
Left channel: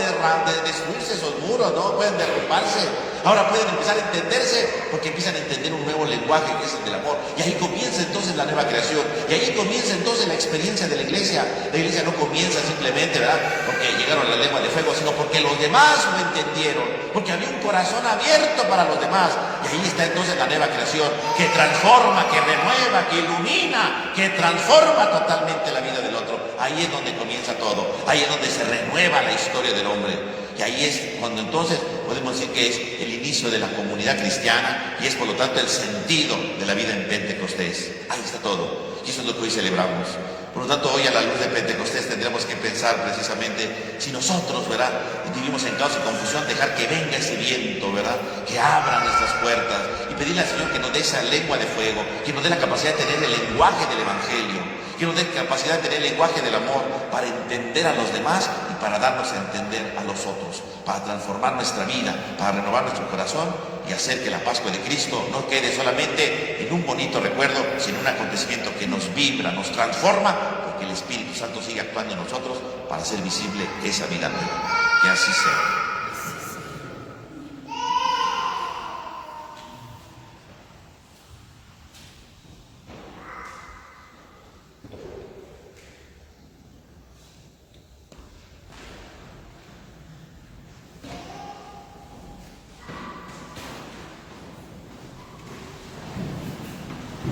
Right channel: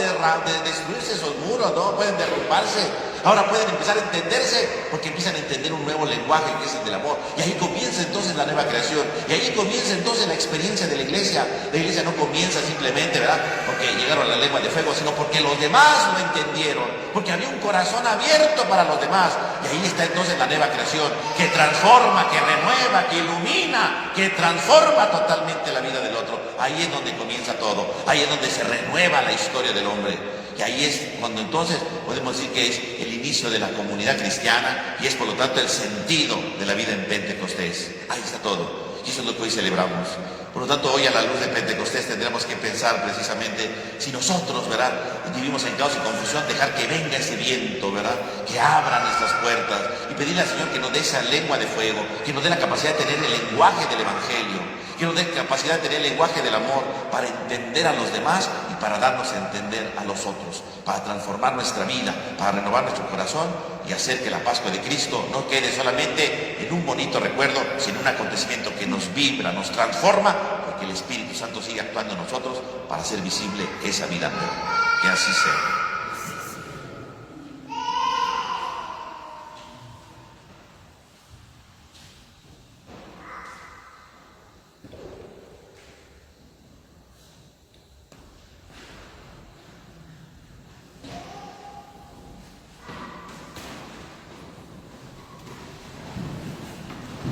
destruirse esos muros, ¿no? Pueden derrumbarse, ahora pueden empezar a entenderse, porque empiezan a entender un nuevo lenguaje que es el del amor. Y ahí comienza entonces la nueva creación, y ahí comienza entonces la experiencia de la iglesia. La iglesia no comienza simplemente, ¿verdad?, porque llegaron las lenguas de fuego, sino porque los demás lo entendieron, porque había un corazón abierto para los demás. Y ahí está entonces la nueva creación, que transforma, que renueva, que ilumina, que transforma totalmente la vida del otro. Ahí es donde comienza todo, ahí es donde se renueva la historia del hombre. Y ahí es cuando entonces podemos decir que es el inicio de la comunidad cristiana y es por lo tanto el sentido de la vida en Pentecostés. Ahí está todo. Y eso es lo que hoy celebramos. Por lo tanto, hoy a la luz de Pentecostés tendremos que pensar precisamente si nosotros, ¿verdad?, vivimos en caos y confusión, dejar que venga ese viento, ¿verdad?, que abra nuestras puertas y pedirle al Señor que nos dé esa lengua de fuego, que nos dé la capacidad de tener el lenguaje del Evangelio, que nos dé la capacidad de tener el lenguaje del amor para entender a los demás y para darnos a entender a los otros, para transformar nuestra vida, para renovar nuestro corazón y hacer que la Pascua de Cristo no quede solamente en un bonito recuerdo, sino un acontecimiento que nos vibra, nos transforma, porque el Espíritu Santo sigue actuando en nosotros para hacer visible esa vida nueva. Que así sea.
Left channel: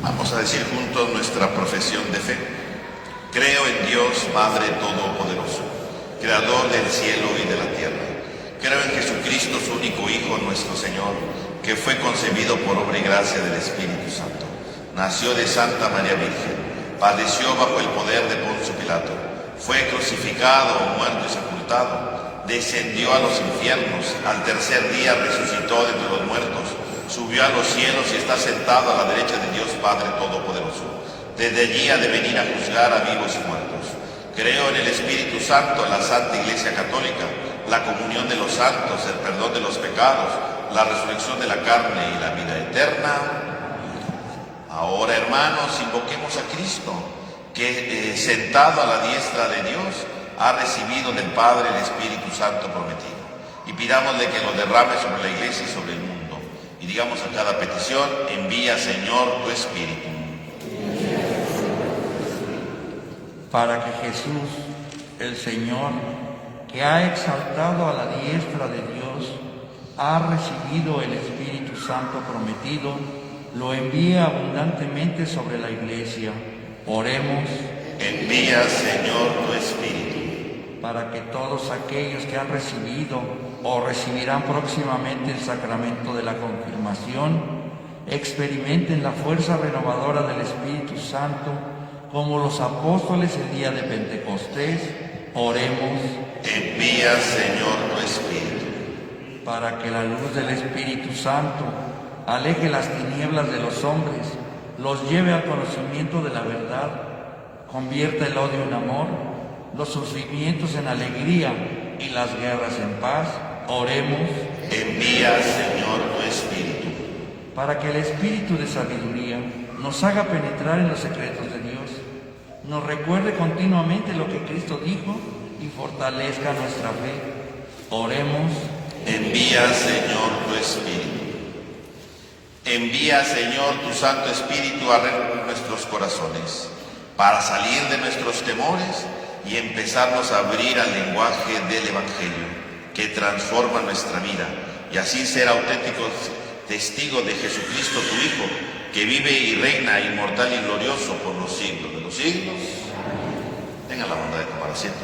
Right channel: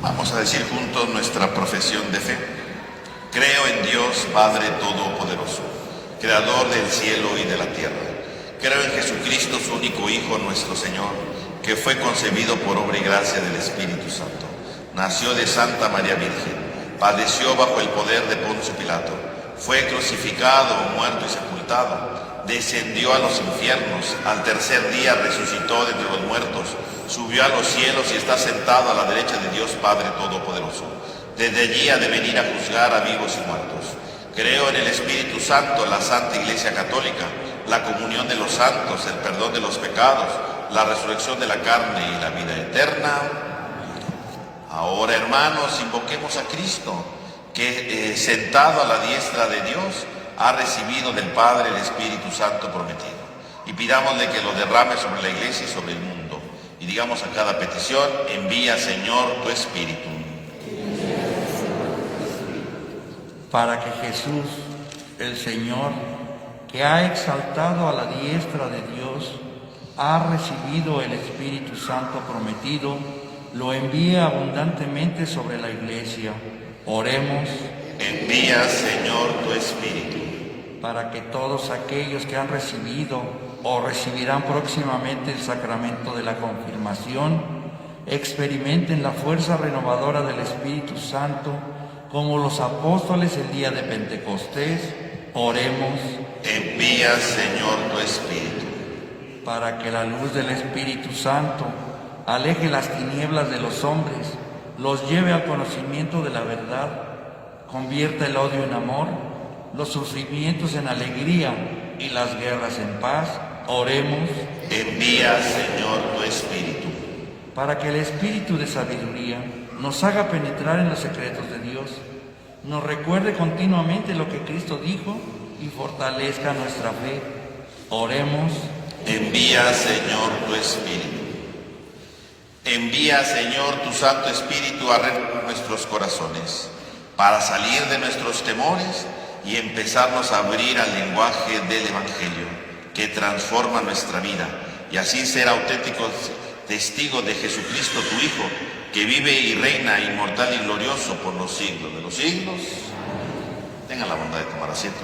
Vamos a decir juntos nuestra profesión de fe. Creo en Dios, Padre Todopoderoso, Creador del cielo y de la tierra. Creo en Jesucristo, su único Hijo, nuestro Señor, que fue concebido por obra y gracia del Espíritu Santo. Nació de Santa María Virgen, padeció bajo el poder de Poncio Pilato, fue crucificado, muerto y sepultado, descendió a los infiernos, al tercer día resucitó de entre los muertos, subió a los cielos y está sentado a la derecha de Dios Padre Todopoderoso. Desde allí ha de venir a juzgar a vivos y muertos. Creo en el Espíritu Santo, la Santa Iglesia Católica, la comunión de los santos, el perdón de los pecados, la resurrección de la carne y la vida eterna. Ahora, hermanos, invoquemos a Cristo, que sentado a la diestra de Dios, ha recibido del Padre el Espíritu Santo prometido. Y pidámosle que lo derrame sobre la Iglesia y sobre el mundo. Y digamos a cada petición: envía, Señor, tu Espíritu. Para que Jesús, el Señor, que ha exaltado a la diestra de Dios, ha recibido el Espíritu Santo prometido, lo envíe abundantemente sobre la Iglesia. Oremos. Envía, Señor, tu Espíritu. Para que todos aquellos que han recibido o recibirán próximamente el sacramento de la confirmación experimenten la fuerza renovadora del Espíritu Santo como los apóstoles el día de Pentecostés. Oremos. Envía, Señor, tu Espíritu. Para que la luz del Espíritu Santo aleje las tinieblas de los hombres, los lleve al conocimiento de la verdad, convierta el odio en amor, los sufrimientos en alegría y las guerras en paz. Oremos. Envía, Señor, tu Espíritu. Para que el Espíritu de sabiduría nos haga penetrar en los secretos de Dios, nos recuerde continuamente lo que Cristo dijo y fortalezca nuestra fe. Oremos. Envía, Señor, tu Espíritu. Envía, Señor, tu Santo Espíritu a renovar nuestros corazones, para salir de nuestros temores y empezarnos a abrir al lenguaje del Evangelio, que transforma nuestra vida, y así ser auténticos testigos de Jesucristo, tu Hijo, que vive y reina inmortal y glorioso por los siglos de los siglos. Tengan la bondad de tomar asiento.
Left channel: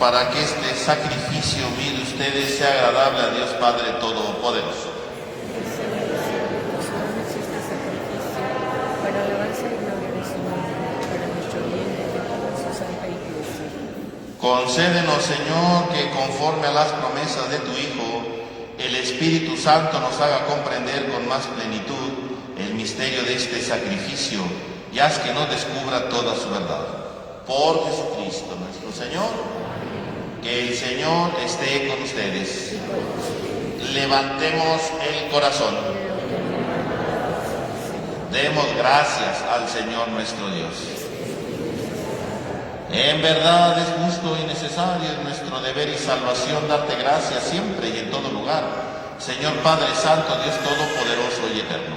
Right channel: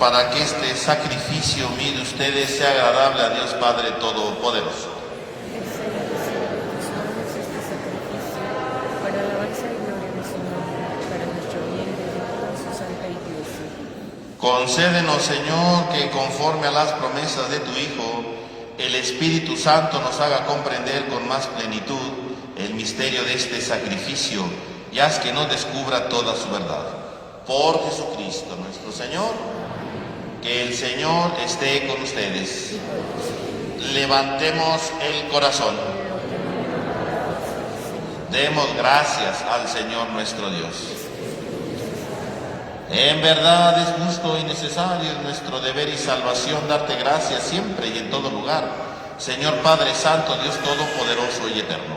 Para que este sacrificio unido de ustedes sea agradable a Dios Padre Todopoderoso. Para alabanza y gloria de su nombre, para nuestro bien y de su santa Iglesia. Concédenos, Señor, que conforme a las promesas de tu Hijo, el Espíritu Santo nos haga comprender con más plenitud el misterio de este sacrificio, y haz que nos descubra toda su verdad. Por Jesucristo nuestro Señor. Que el Señor esté con ustedes. Levantemos el corazón. Demos gracias al Señor nuestro Dios. En verdad es justo y necesario, nuestro deber y salvación, darte gracias siempre y en todo lugar, Señor Padre Santo, Dios Todopoderoso y Eterno,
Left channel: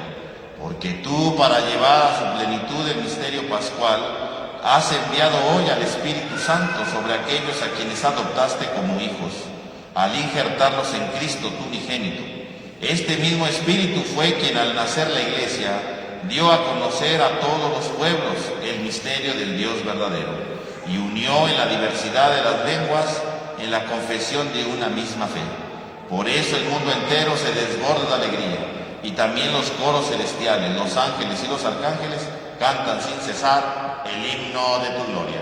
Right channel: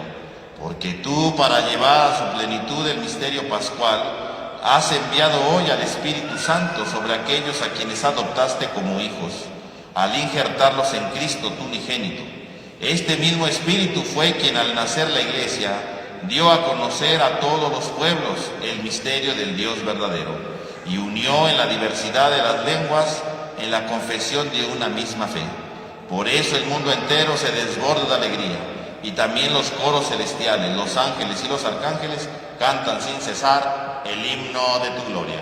porque tú, para llevar a su plenitud el misterio pascual, has enviado hoy al Espíritu Santo sobre aquellos a quienes adoptaste como hijos, al injertarlos en Cristo tu unigénito. Este mismo Espíritu fue quien al nacer la Iglesia dio a conocer a todos los pueblos el misterio del Dios verdadero y unió en la diversidad de las lenguas en la confesión de una misma fe. Por eso el mundo entero se desborda de alegría, y también los coros celestiales, los ángeles y los arcángeles cantan sin cesar el himno de tu gloria.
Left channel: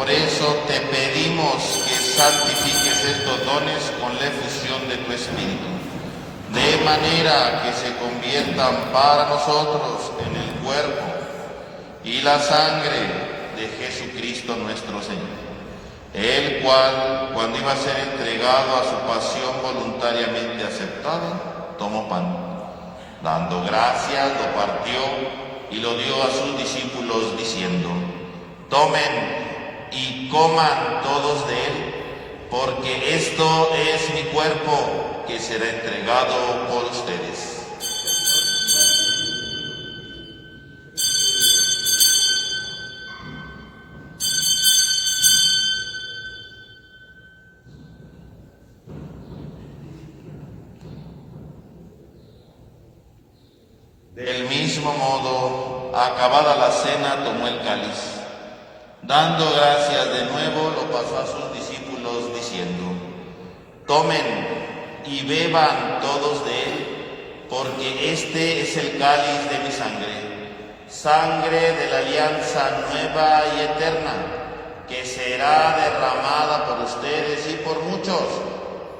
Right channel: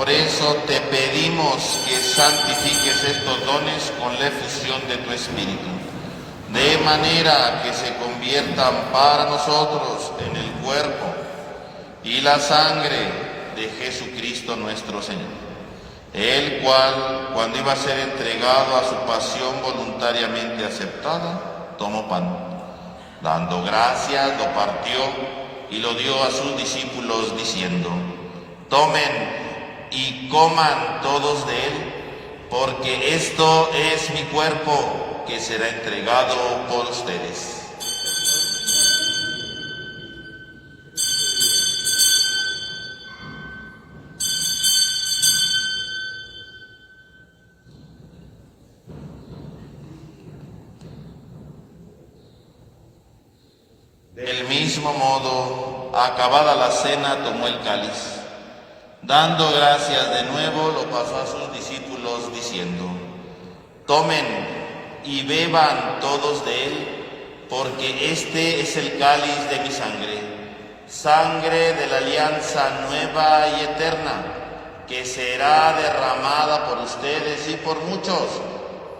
Por eso te pedimos que santifiques estos dones con la efusión de tu Espíritu, de manera que se conviertan para nosotros en el cuerpo y la sangre de Jesucristo nuestro Señor, el cual, cuando iba a ser entregado a su pasión voluntariamente aceptada, tomó pan. Dando gracias, lo partió y lo dio a sus discípulos diciendo: tomen y coman todos de él, porque esto es mi cuerpo que será entregado por ustedes. Del mismo modo, acabada la cena, tomó el cáliz. Dando gracias de nuevo, lo pasó a sus discípulos diciendo: tomen y beban todos de él, porque este es el cáliz de mi sangre, sangre de la alianza nueva y eterna, que será derramada por ustedes y por muchos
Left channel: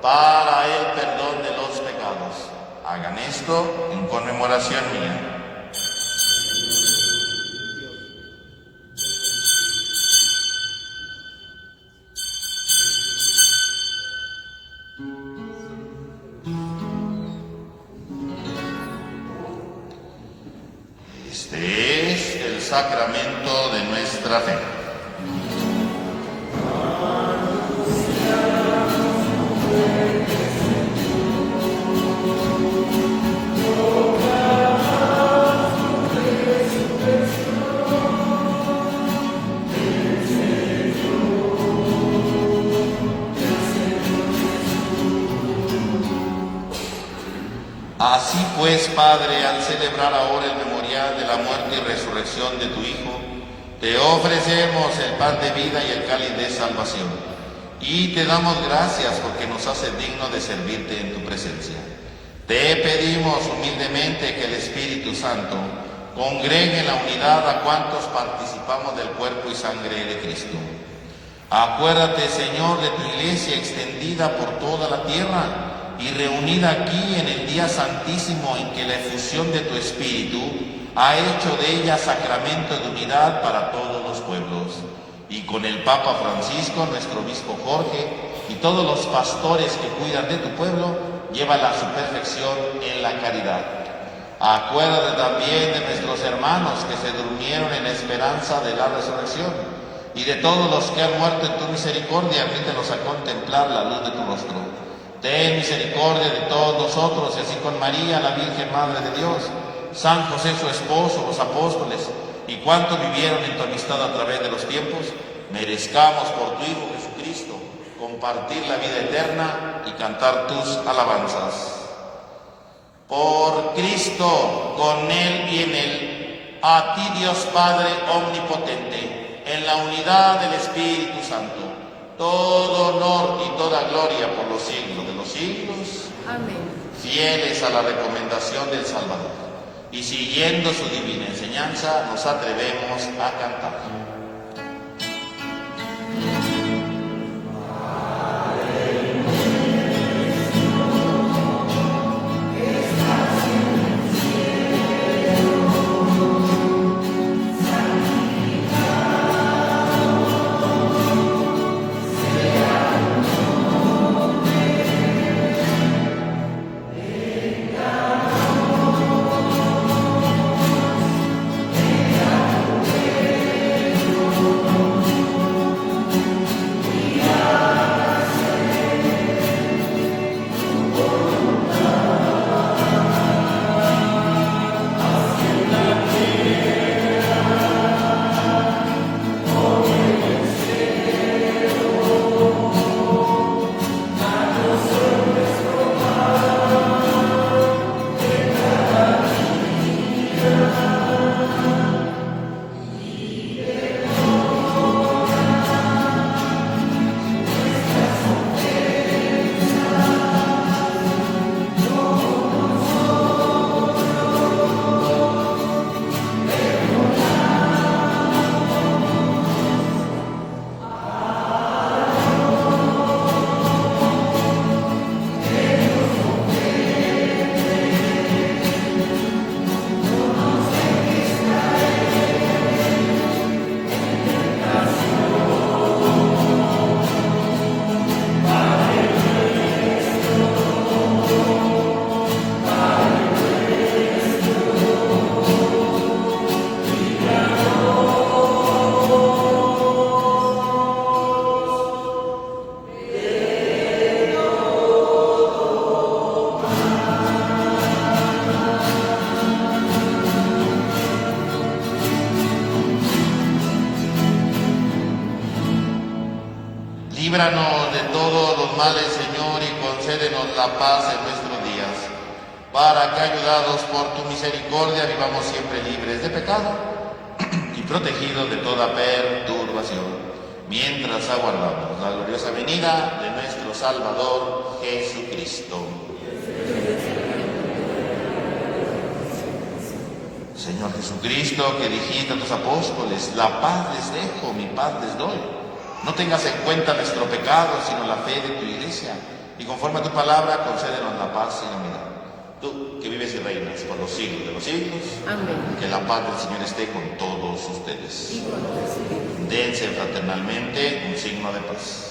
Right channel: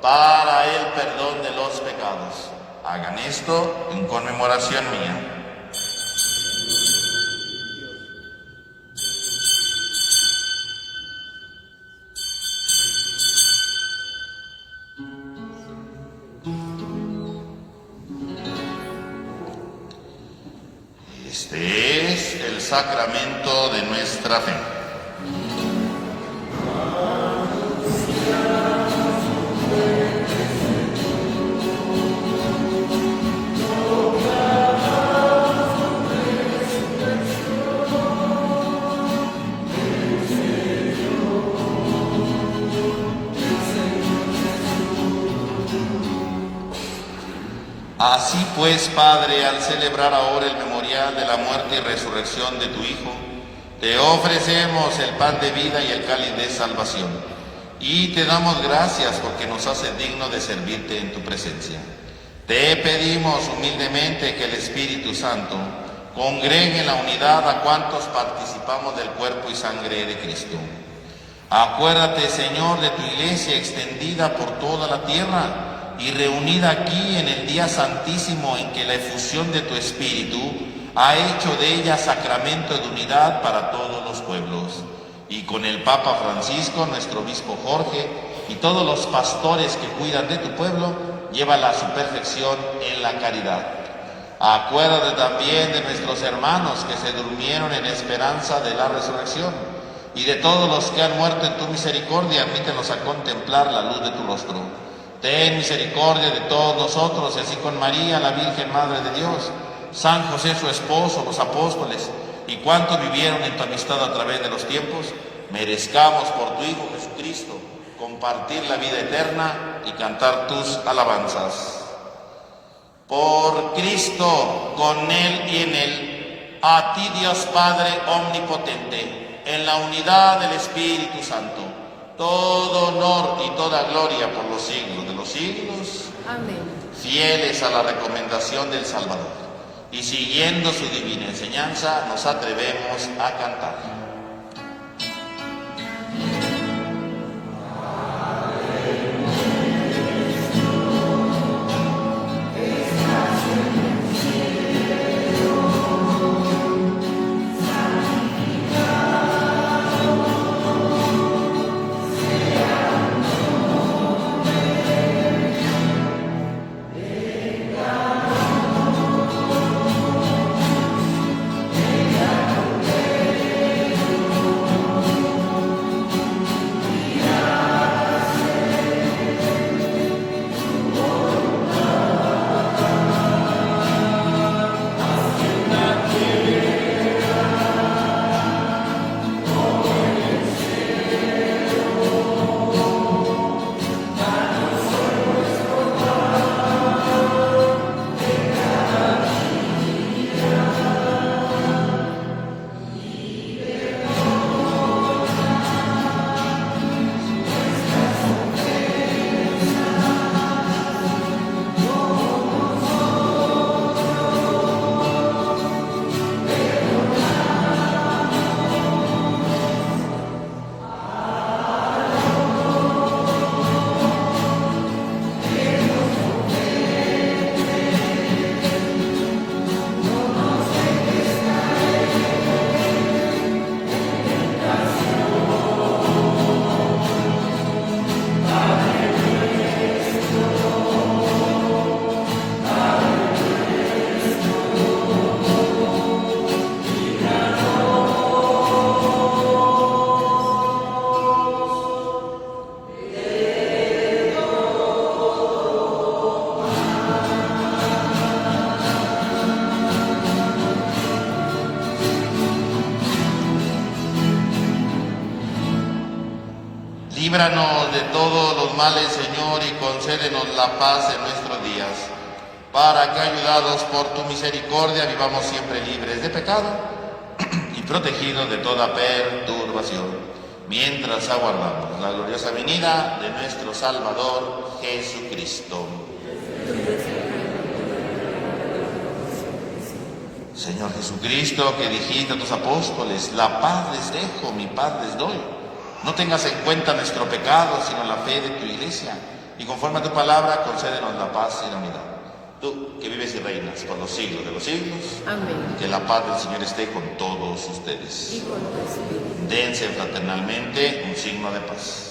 para el perdón de los pecados. Hagan esto en conmemoración mía. Este es el sacramento de nuestra fe. Así pues, Padre, al celebrar ahora el memorial de la muerte y resurrección de tu Hijo, te ofrecemos el pan de vida y el cáliz de salvación, y te damos gracias porque nos haces dignos de servirte en tu presencia. Te pedimos humildemente que el Espíritu Santo congregue en la unidad a cuantos participamos del cuerpo y sangre de Cristo. Acuérdate, Señor, de tu iglesia extendida por toda la tierra y reunida aquí en el día santísimo en que la efusión de tu Espíritu ha hecho de ella sacramento de unidad para todos los pueblos. Y con el Papa Francisco, nuestro obispo Jorge, y todos los pastores que cuidan de tu pueblo, llévala a su perfección en la caridad. Acuérdate también de nuestros hermanos que se durmieron en esperanza de la resurrección, y de todos los que han muerto en tu misericordia, admítelos a contemplar la luz de tu rostro. Ten misericordia de todos nosotros, y así con María, la Virgen Madre de Dios, San José su esposo, los apóstoles, y cuantos vivieron en tu amistad a través de los tiempos, merezcamos por tu Hijo Jesucristo compartir la vida eterna y cantar tus alabanzas. Por Cristo, con Él y en Él, a ti Dios Padre omnipotente, en la unidad del Espíritu Santo, todo honor y toda gloria por los siglos de los siglos. Amén. Fieles a la recomendación del Salvador y siguiendo su divina enseñanza, nos atrevemos a cantar. Líbranos de todos los males, Señor, y concédenos la paz en nuestros días, para que, ayudados por tu misericordia, vivamos siempre libres de pecado y protegidos de toda perturbación, mientras aguardamos la gloriosa venida de nuestro Salvador Jesucristo. Señor Jesucristo, que dijiste a tus apóstoles, la paz les dejo, mi paz les doy. No tengas en cuenta nuestro pecado, sino la fe de tu iglesia. Y conforme a tu palabra, concédenos la paz y la unidad. Tú, que vives y reinas por los siglos de los siglos. Amén. Que la paz del Señor esté con todos ustedes. Y con los fieles. Dense fraternalmente un signo de paz.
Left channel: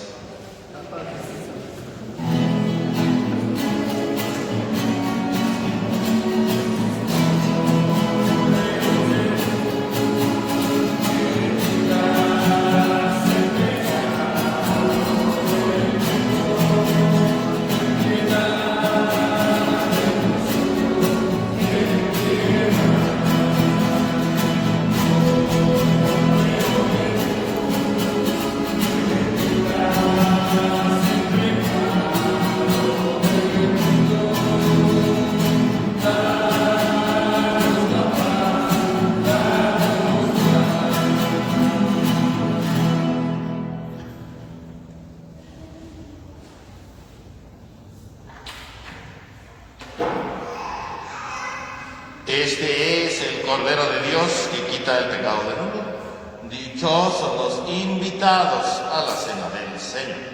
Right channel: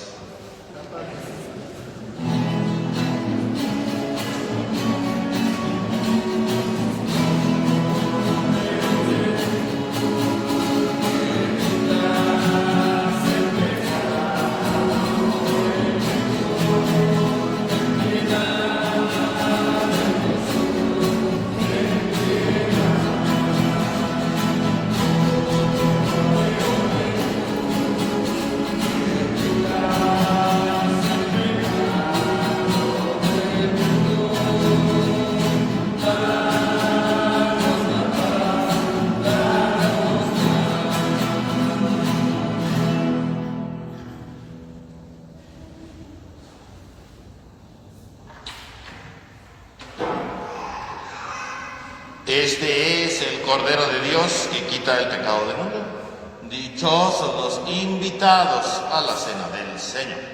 Este es el Cordero de Dios que quita el pecado del mundo. Dichosos los invitados a la cena del Señor.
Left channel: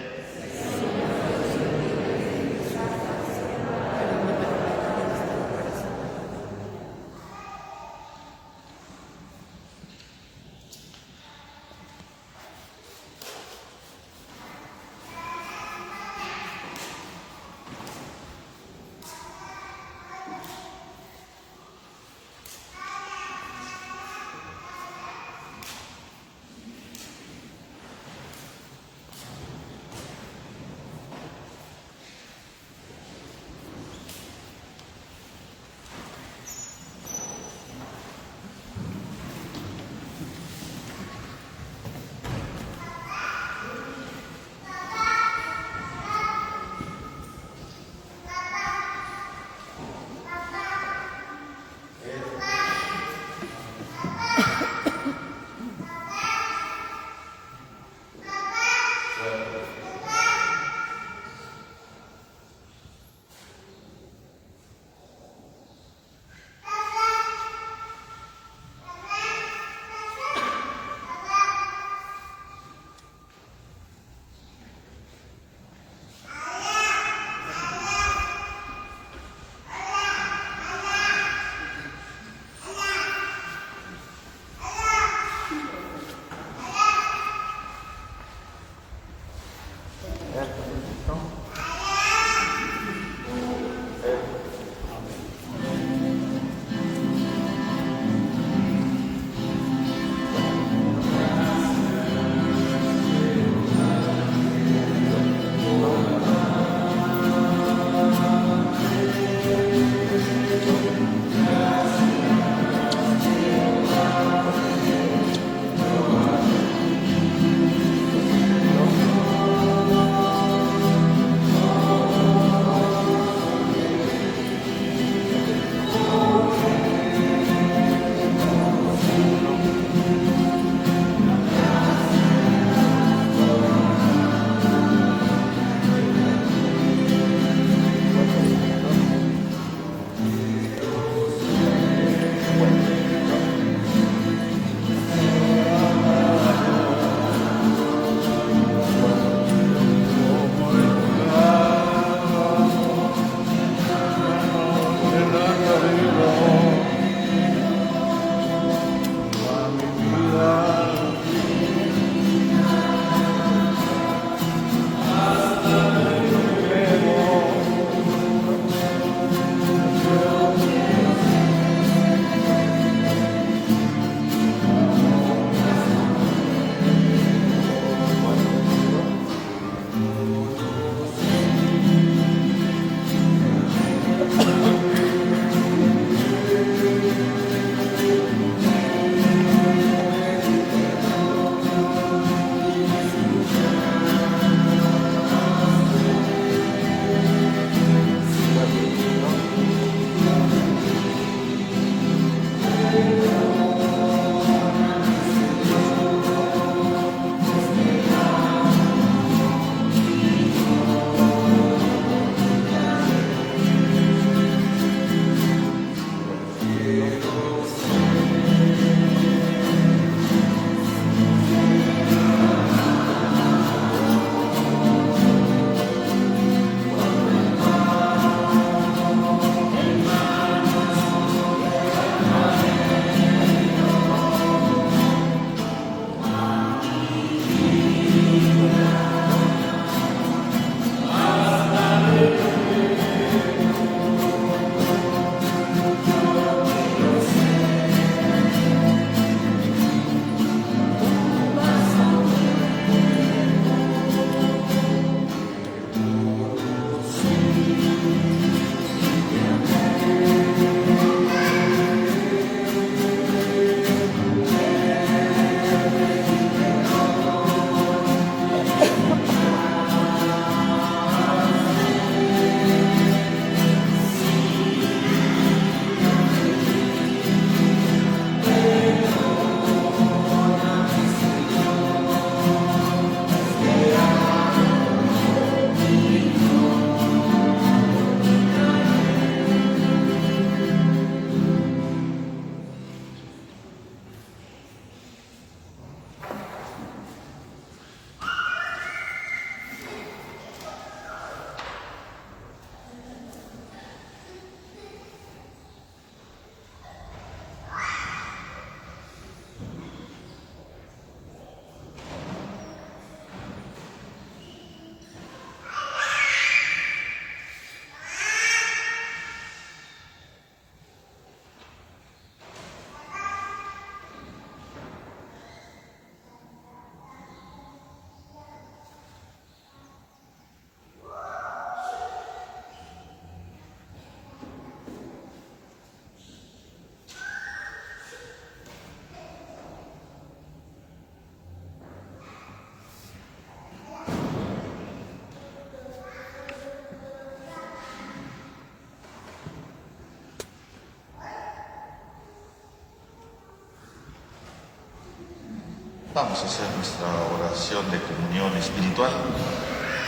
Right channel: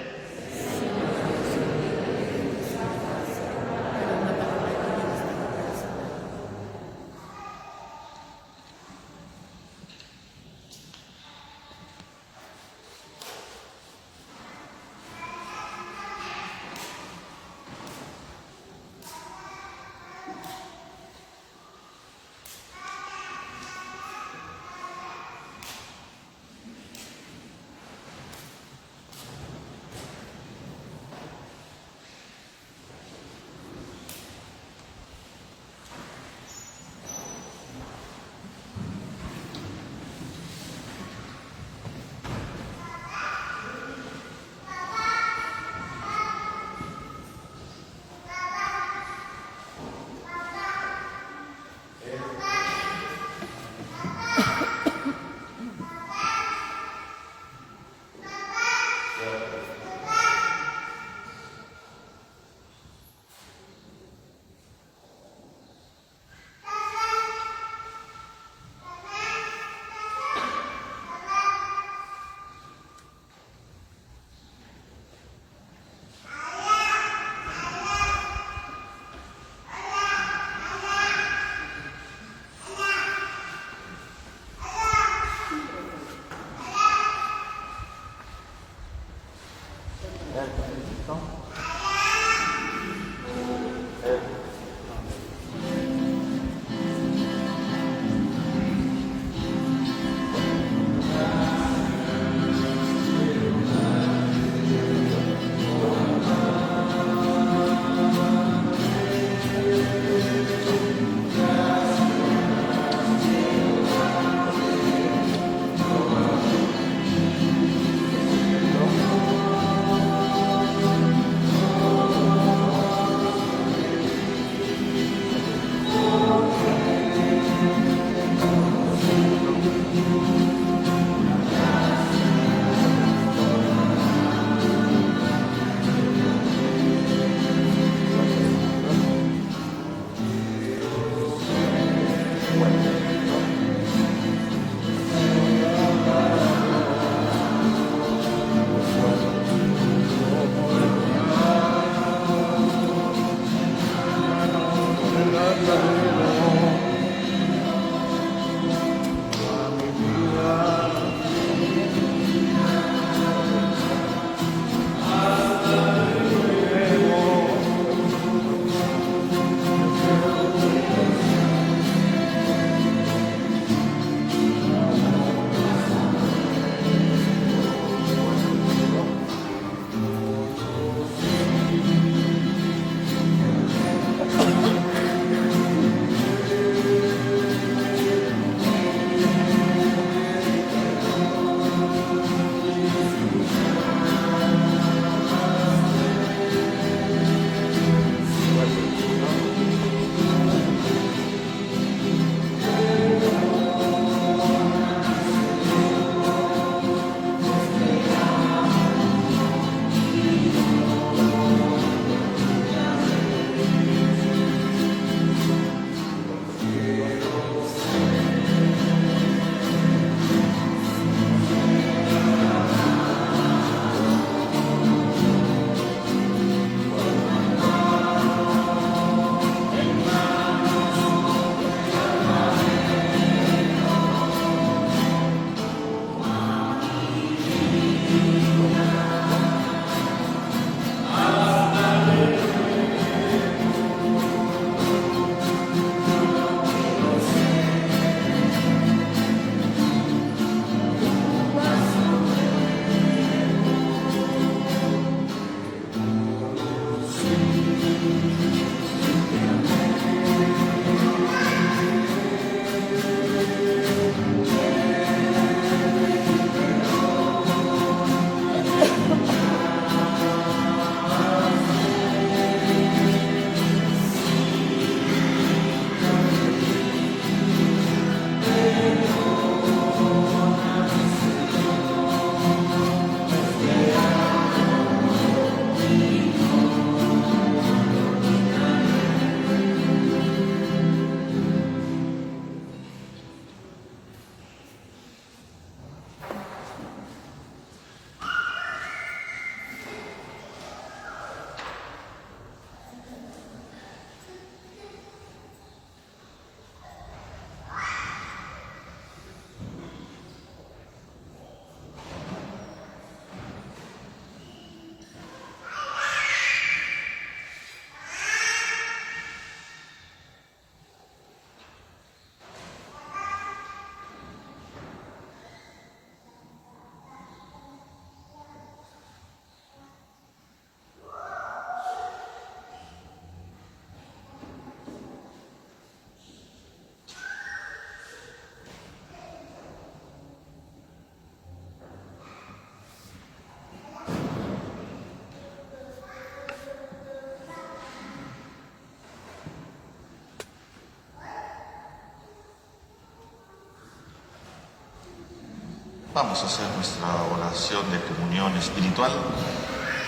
Vamos a hacer nuestra oración de comunión espiritual.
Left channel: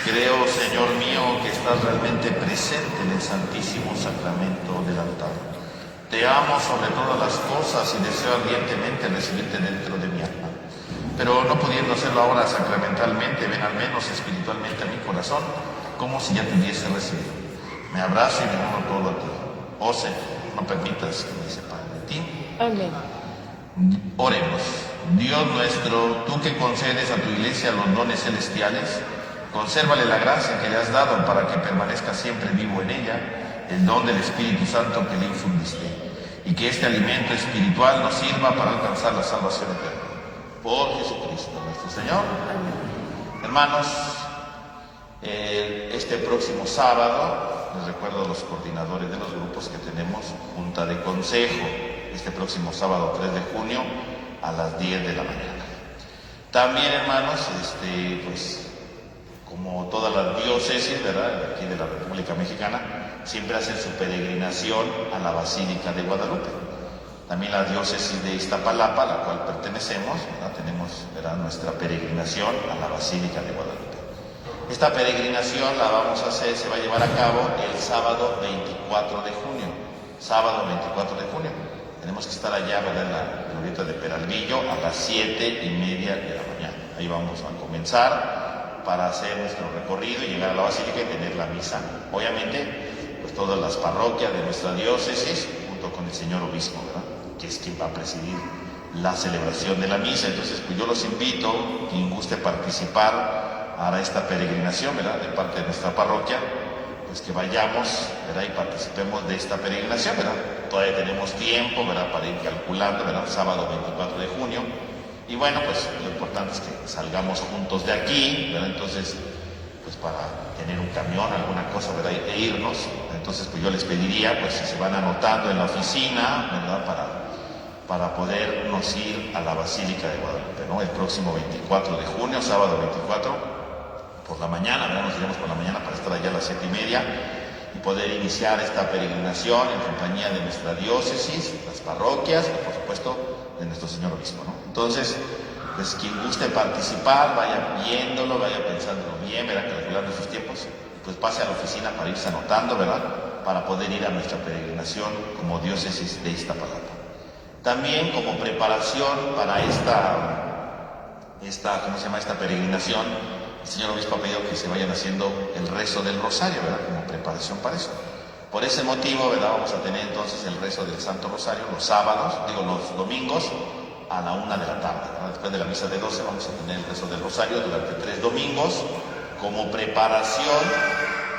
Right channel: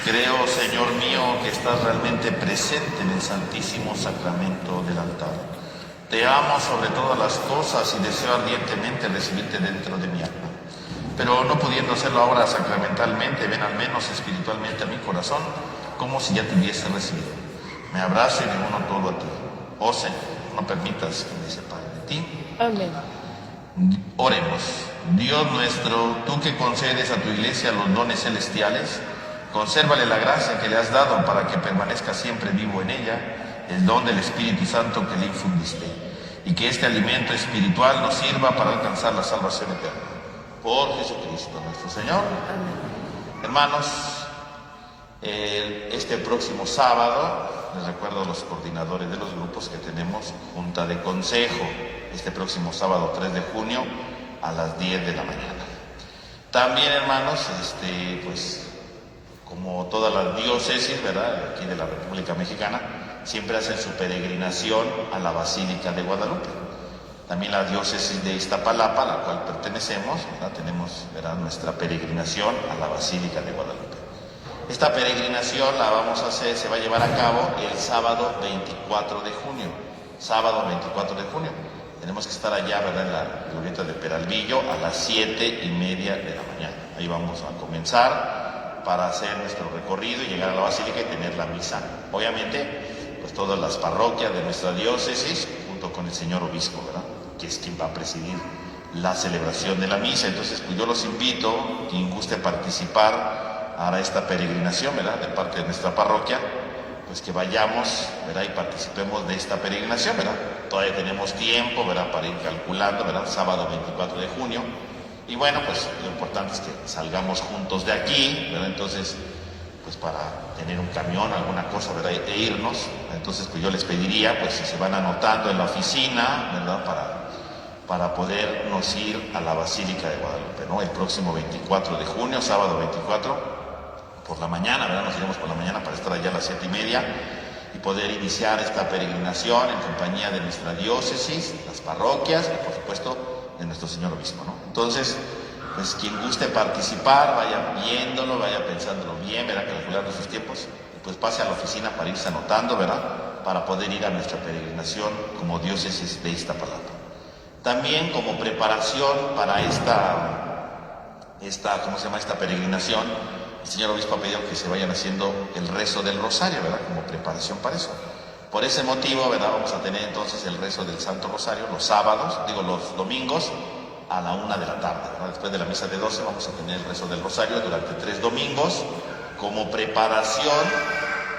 Creo, Señor mío, que estás realmente presente en el Santísimo Sacramento del altar. Te amo sobre todas las cosas y deseo ardientemente recibirte dentro de mi alma. Pero no pudiendo hacerlo ahora sacramentalmente, ven al menos espiritualmente a mi corazón, como si ya te hubiese recibido. Me abrazo y me uno a ti. Oh Señor, no permitas que me separe de ti. Amén. Oremos. Dios nuestro, tú que concedes a tu iglesia los dones celestiales, consérvale la gracia que le has dado para que permanezca siempre vivo en ella el don del Espíritu Santo que le infundiste, y que este alimento espiritual nos sirva para alcanzar la salvación eterna. Por Jesucristo nuestro Señor. Amén. Hermanos, este próximo sábado, les recuerdo a los coordinadores de los grupos que tenemos junta de consejo, este próximo sábado 3 de junio a las 10 de la mañana. También, hermanos, pues como todas las diócesis, ¿verdad?, aquí de la República Mexicana, siempre hacen su peregrinación a la Basílica de Guadalupe. También la diócesis de Iztapalapa, a la cual pertenecemos, ¿verdad?, tenemos, ¿verdad?, nuestra peregrinación a la Basílica de Guadalupe. Esta peregrinación la vamos a hacer, se va a llevar a cabo el sábado 24 de junio. Sábado 24 de junio. Tenemos que estar allá, ¿verdad?, en la glorieta de Peralvillo a las 7:30 de la mañana. Ahí vamos a comenzar para hacer nuestro recorrido y llegar a la Basílica y tener la misa. Obviamente, pues todas las parroquias de nuestra diócesis, junto con el señor obispo, ¿verdad?, que es quien va a presidir la celebración de la misa. Entonces, pues yo los invito, quien guste participar a esta peregrinación, ¿verdad?, de parte de nuestra parroquia, pues que vayamos, ¿verdad?, y participemos de esta peregrinación, ¿verdad? Todavía tenemos tiempo, ¿verdad?, para ir calculando, ¿verdad?, sábado 24 de junio. Y bueno, pues lo importante es que salgamos juntos de aquí, ¿verdad? Entonces, pues para tener un camión, alguna cosa, ¿verdad?, e irnos. Entonces, pues yo les pediría, pues si se van anotando en la oficina, ¿verdad?, para podernos ir a la Basílica de Guadalupe, ¿no?, el próximo 24 de junio, sábado 24, por la mañana, ¿verdad?, nos iremos por la mañana para estar allá a las 7:30 y poder iniciar esta peregrinación en compañía de nuestra diócesis, las parroquias y por supuesto de nuestro señor obispo, ¿no? Entonces, pues quien guste participar, vaya viéndolo, vaya pensándolo bien, ¿verdad?, calculando sus tiempos, pues pase a la oficina para irse anotando, ¿verdad?, para poder ir a nuestra peregrinación como diócesis de Iztapalapa. También como preparación para esta peregrinación, el señor obispo ha pedido que se vayan haciendo el rezo del rosario, ¿verdad?, como preparación para eso. Por ese motivo, ¿verdad?, vamos a tener entonces el rezo del Santo Rosario los domingos a la 1 de la tarde, ¿verdad? Después de la misa de 12 vamos a tener el rezo del rosario durante 3 domingos como preparación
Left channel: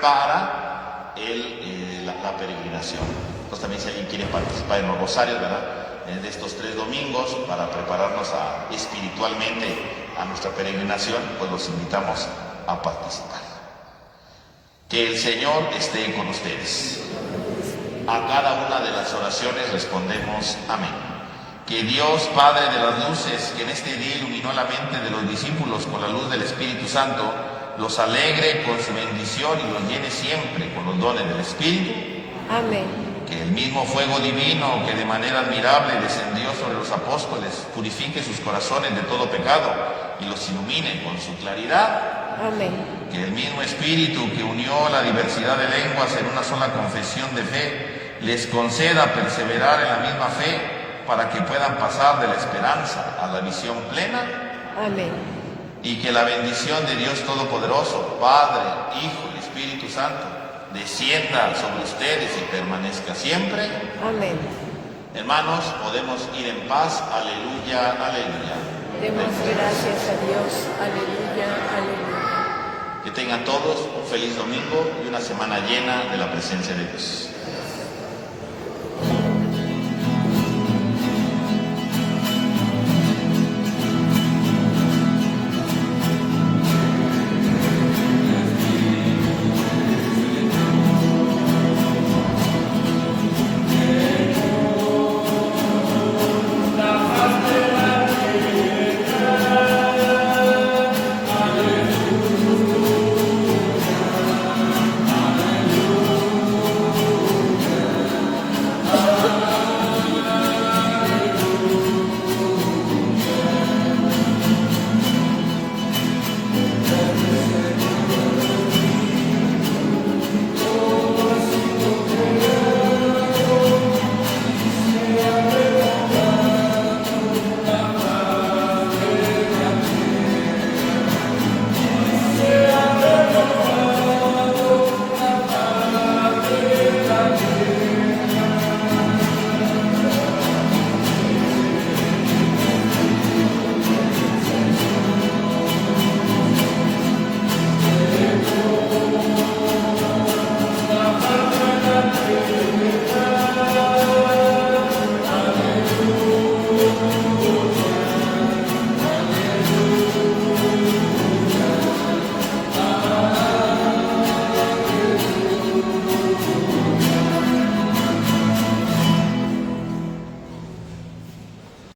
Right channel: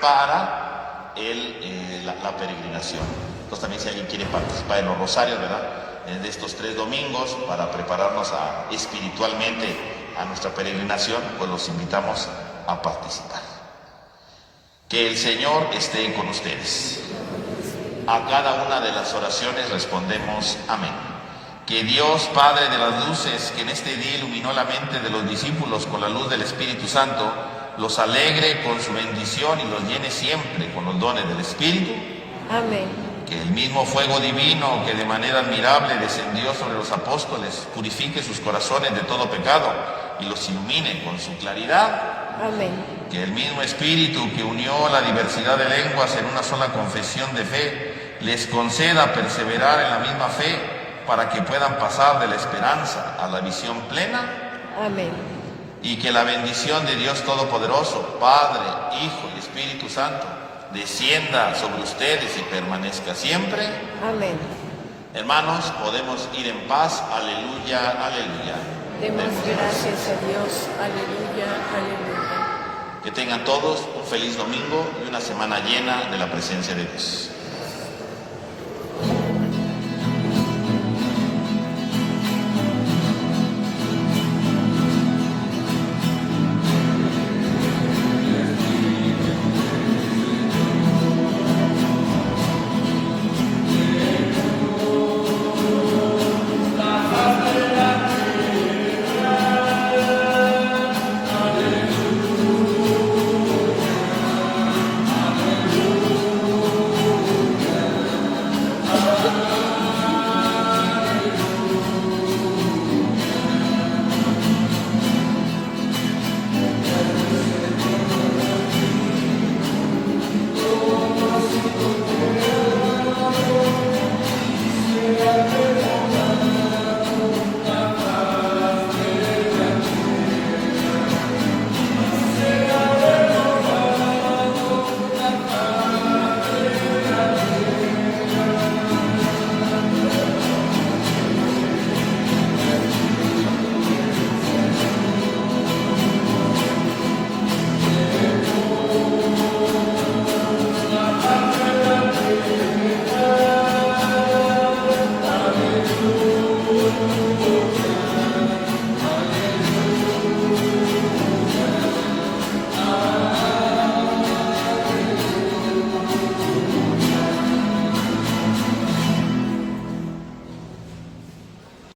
para la peregrinación. Entonces también si alguien quiere participar en los rosarios, ¿verdad?, de estos 3 domingos para prepararnos espiritualmente a nuestra peregrinación, pues los invitamos a participar. Que el Señor esté con ustedes. A cada una de las oraciones respondemos amén. Que Dios, Padre de las luces, que en este día iluminó la mente de los discípulos con la luz del Espíritu Santo, los alegre con su bendición y los llene siempre con los dones del Espíritu. Amén. Que el mismo fuego divino que de manera admirable descendió sobre los apóstoles purifique sus corazones de todo pecado y los ilumine con su claridad. Amén. Que el mismo Espíritu que unió la diversidad de lenguas en una sola confesión de fe les conceda perseverar en la misma fe para que puedan pasar de la esperanza a la visión plena. Amén. Y que la bendición de Dios Todopoderoso, Padre, Hijo y Espíritu Santo, descienda sobre ustedes y permanezca siempre. Amén. Hermanos, podemos ir en paz. Aleluya, aleluya. Demos gracias a Dios. Aleluya, aleluya. Que tengan todos un feliz domingo y una semana llena de la presencia de Dios.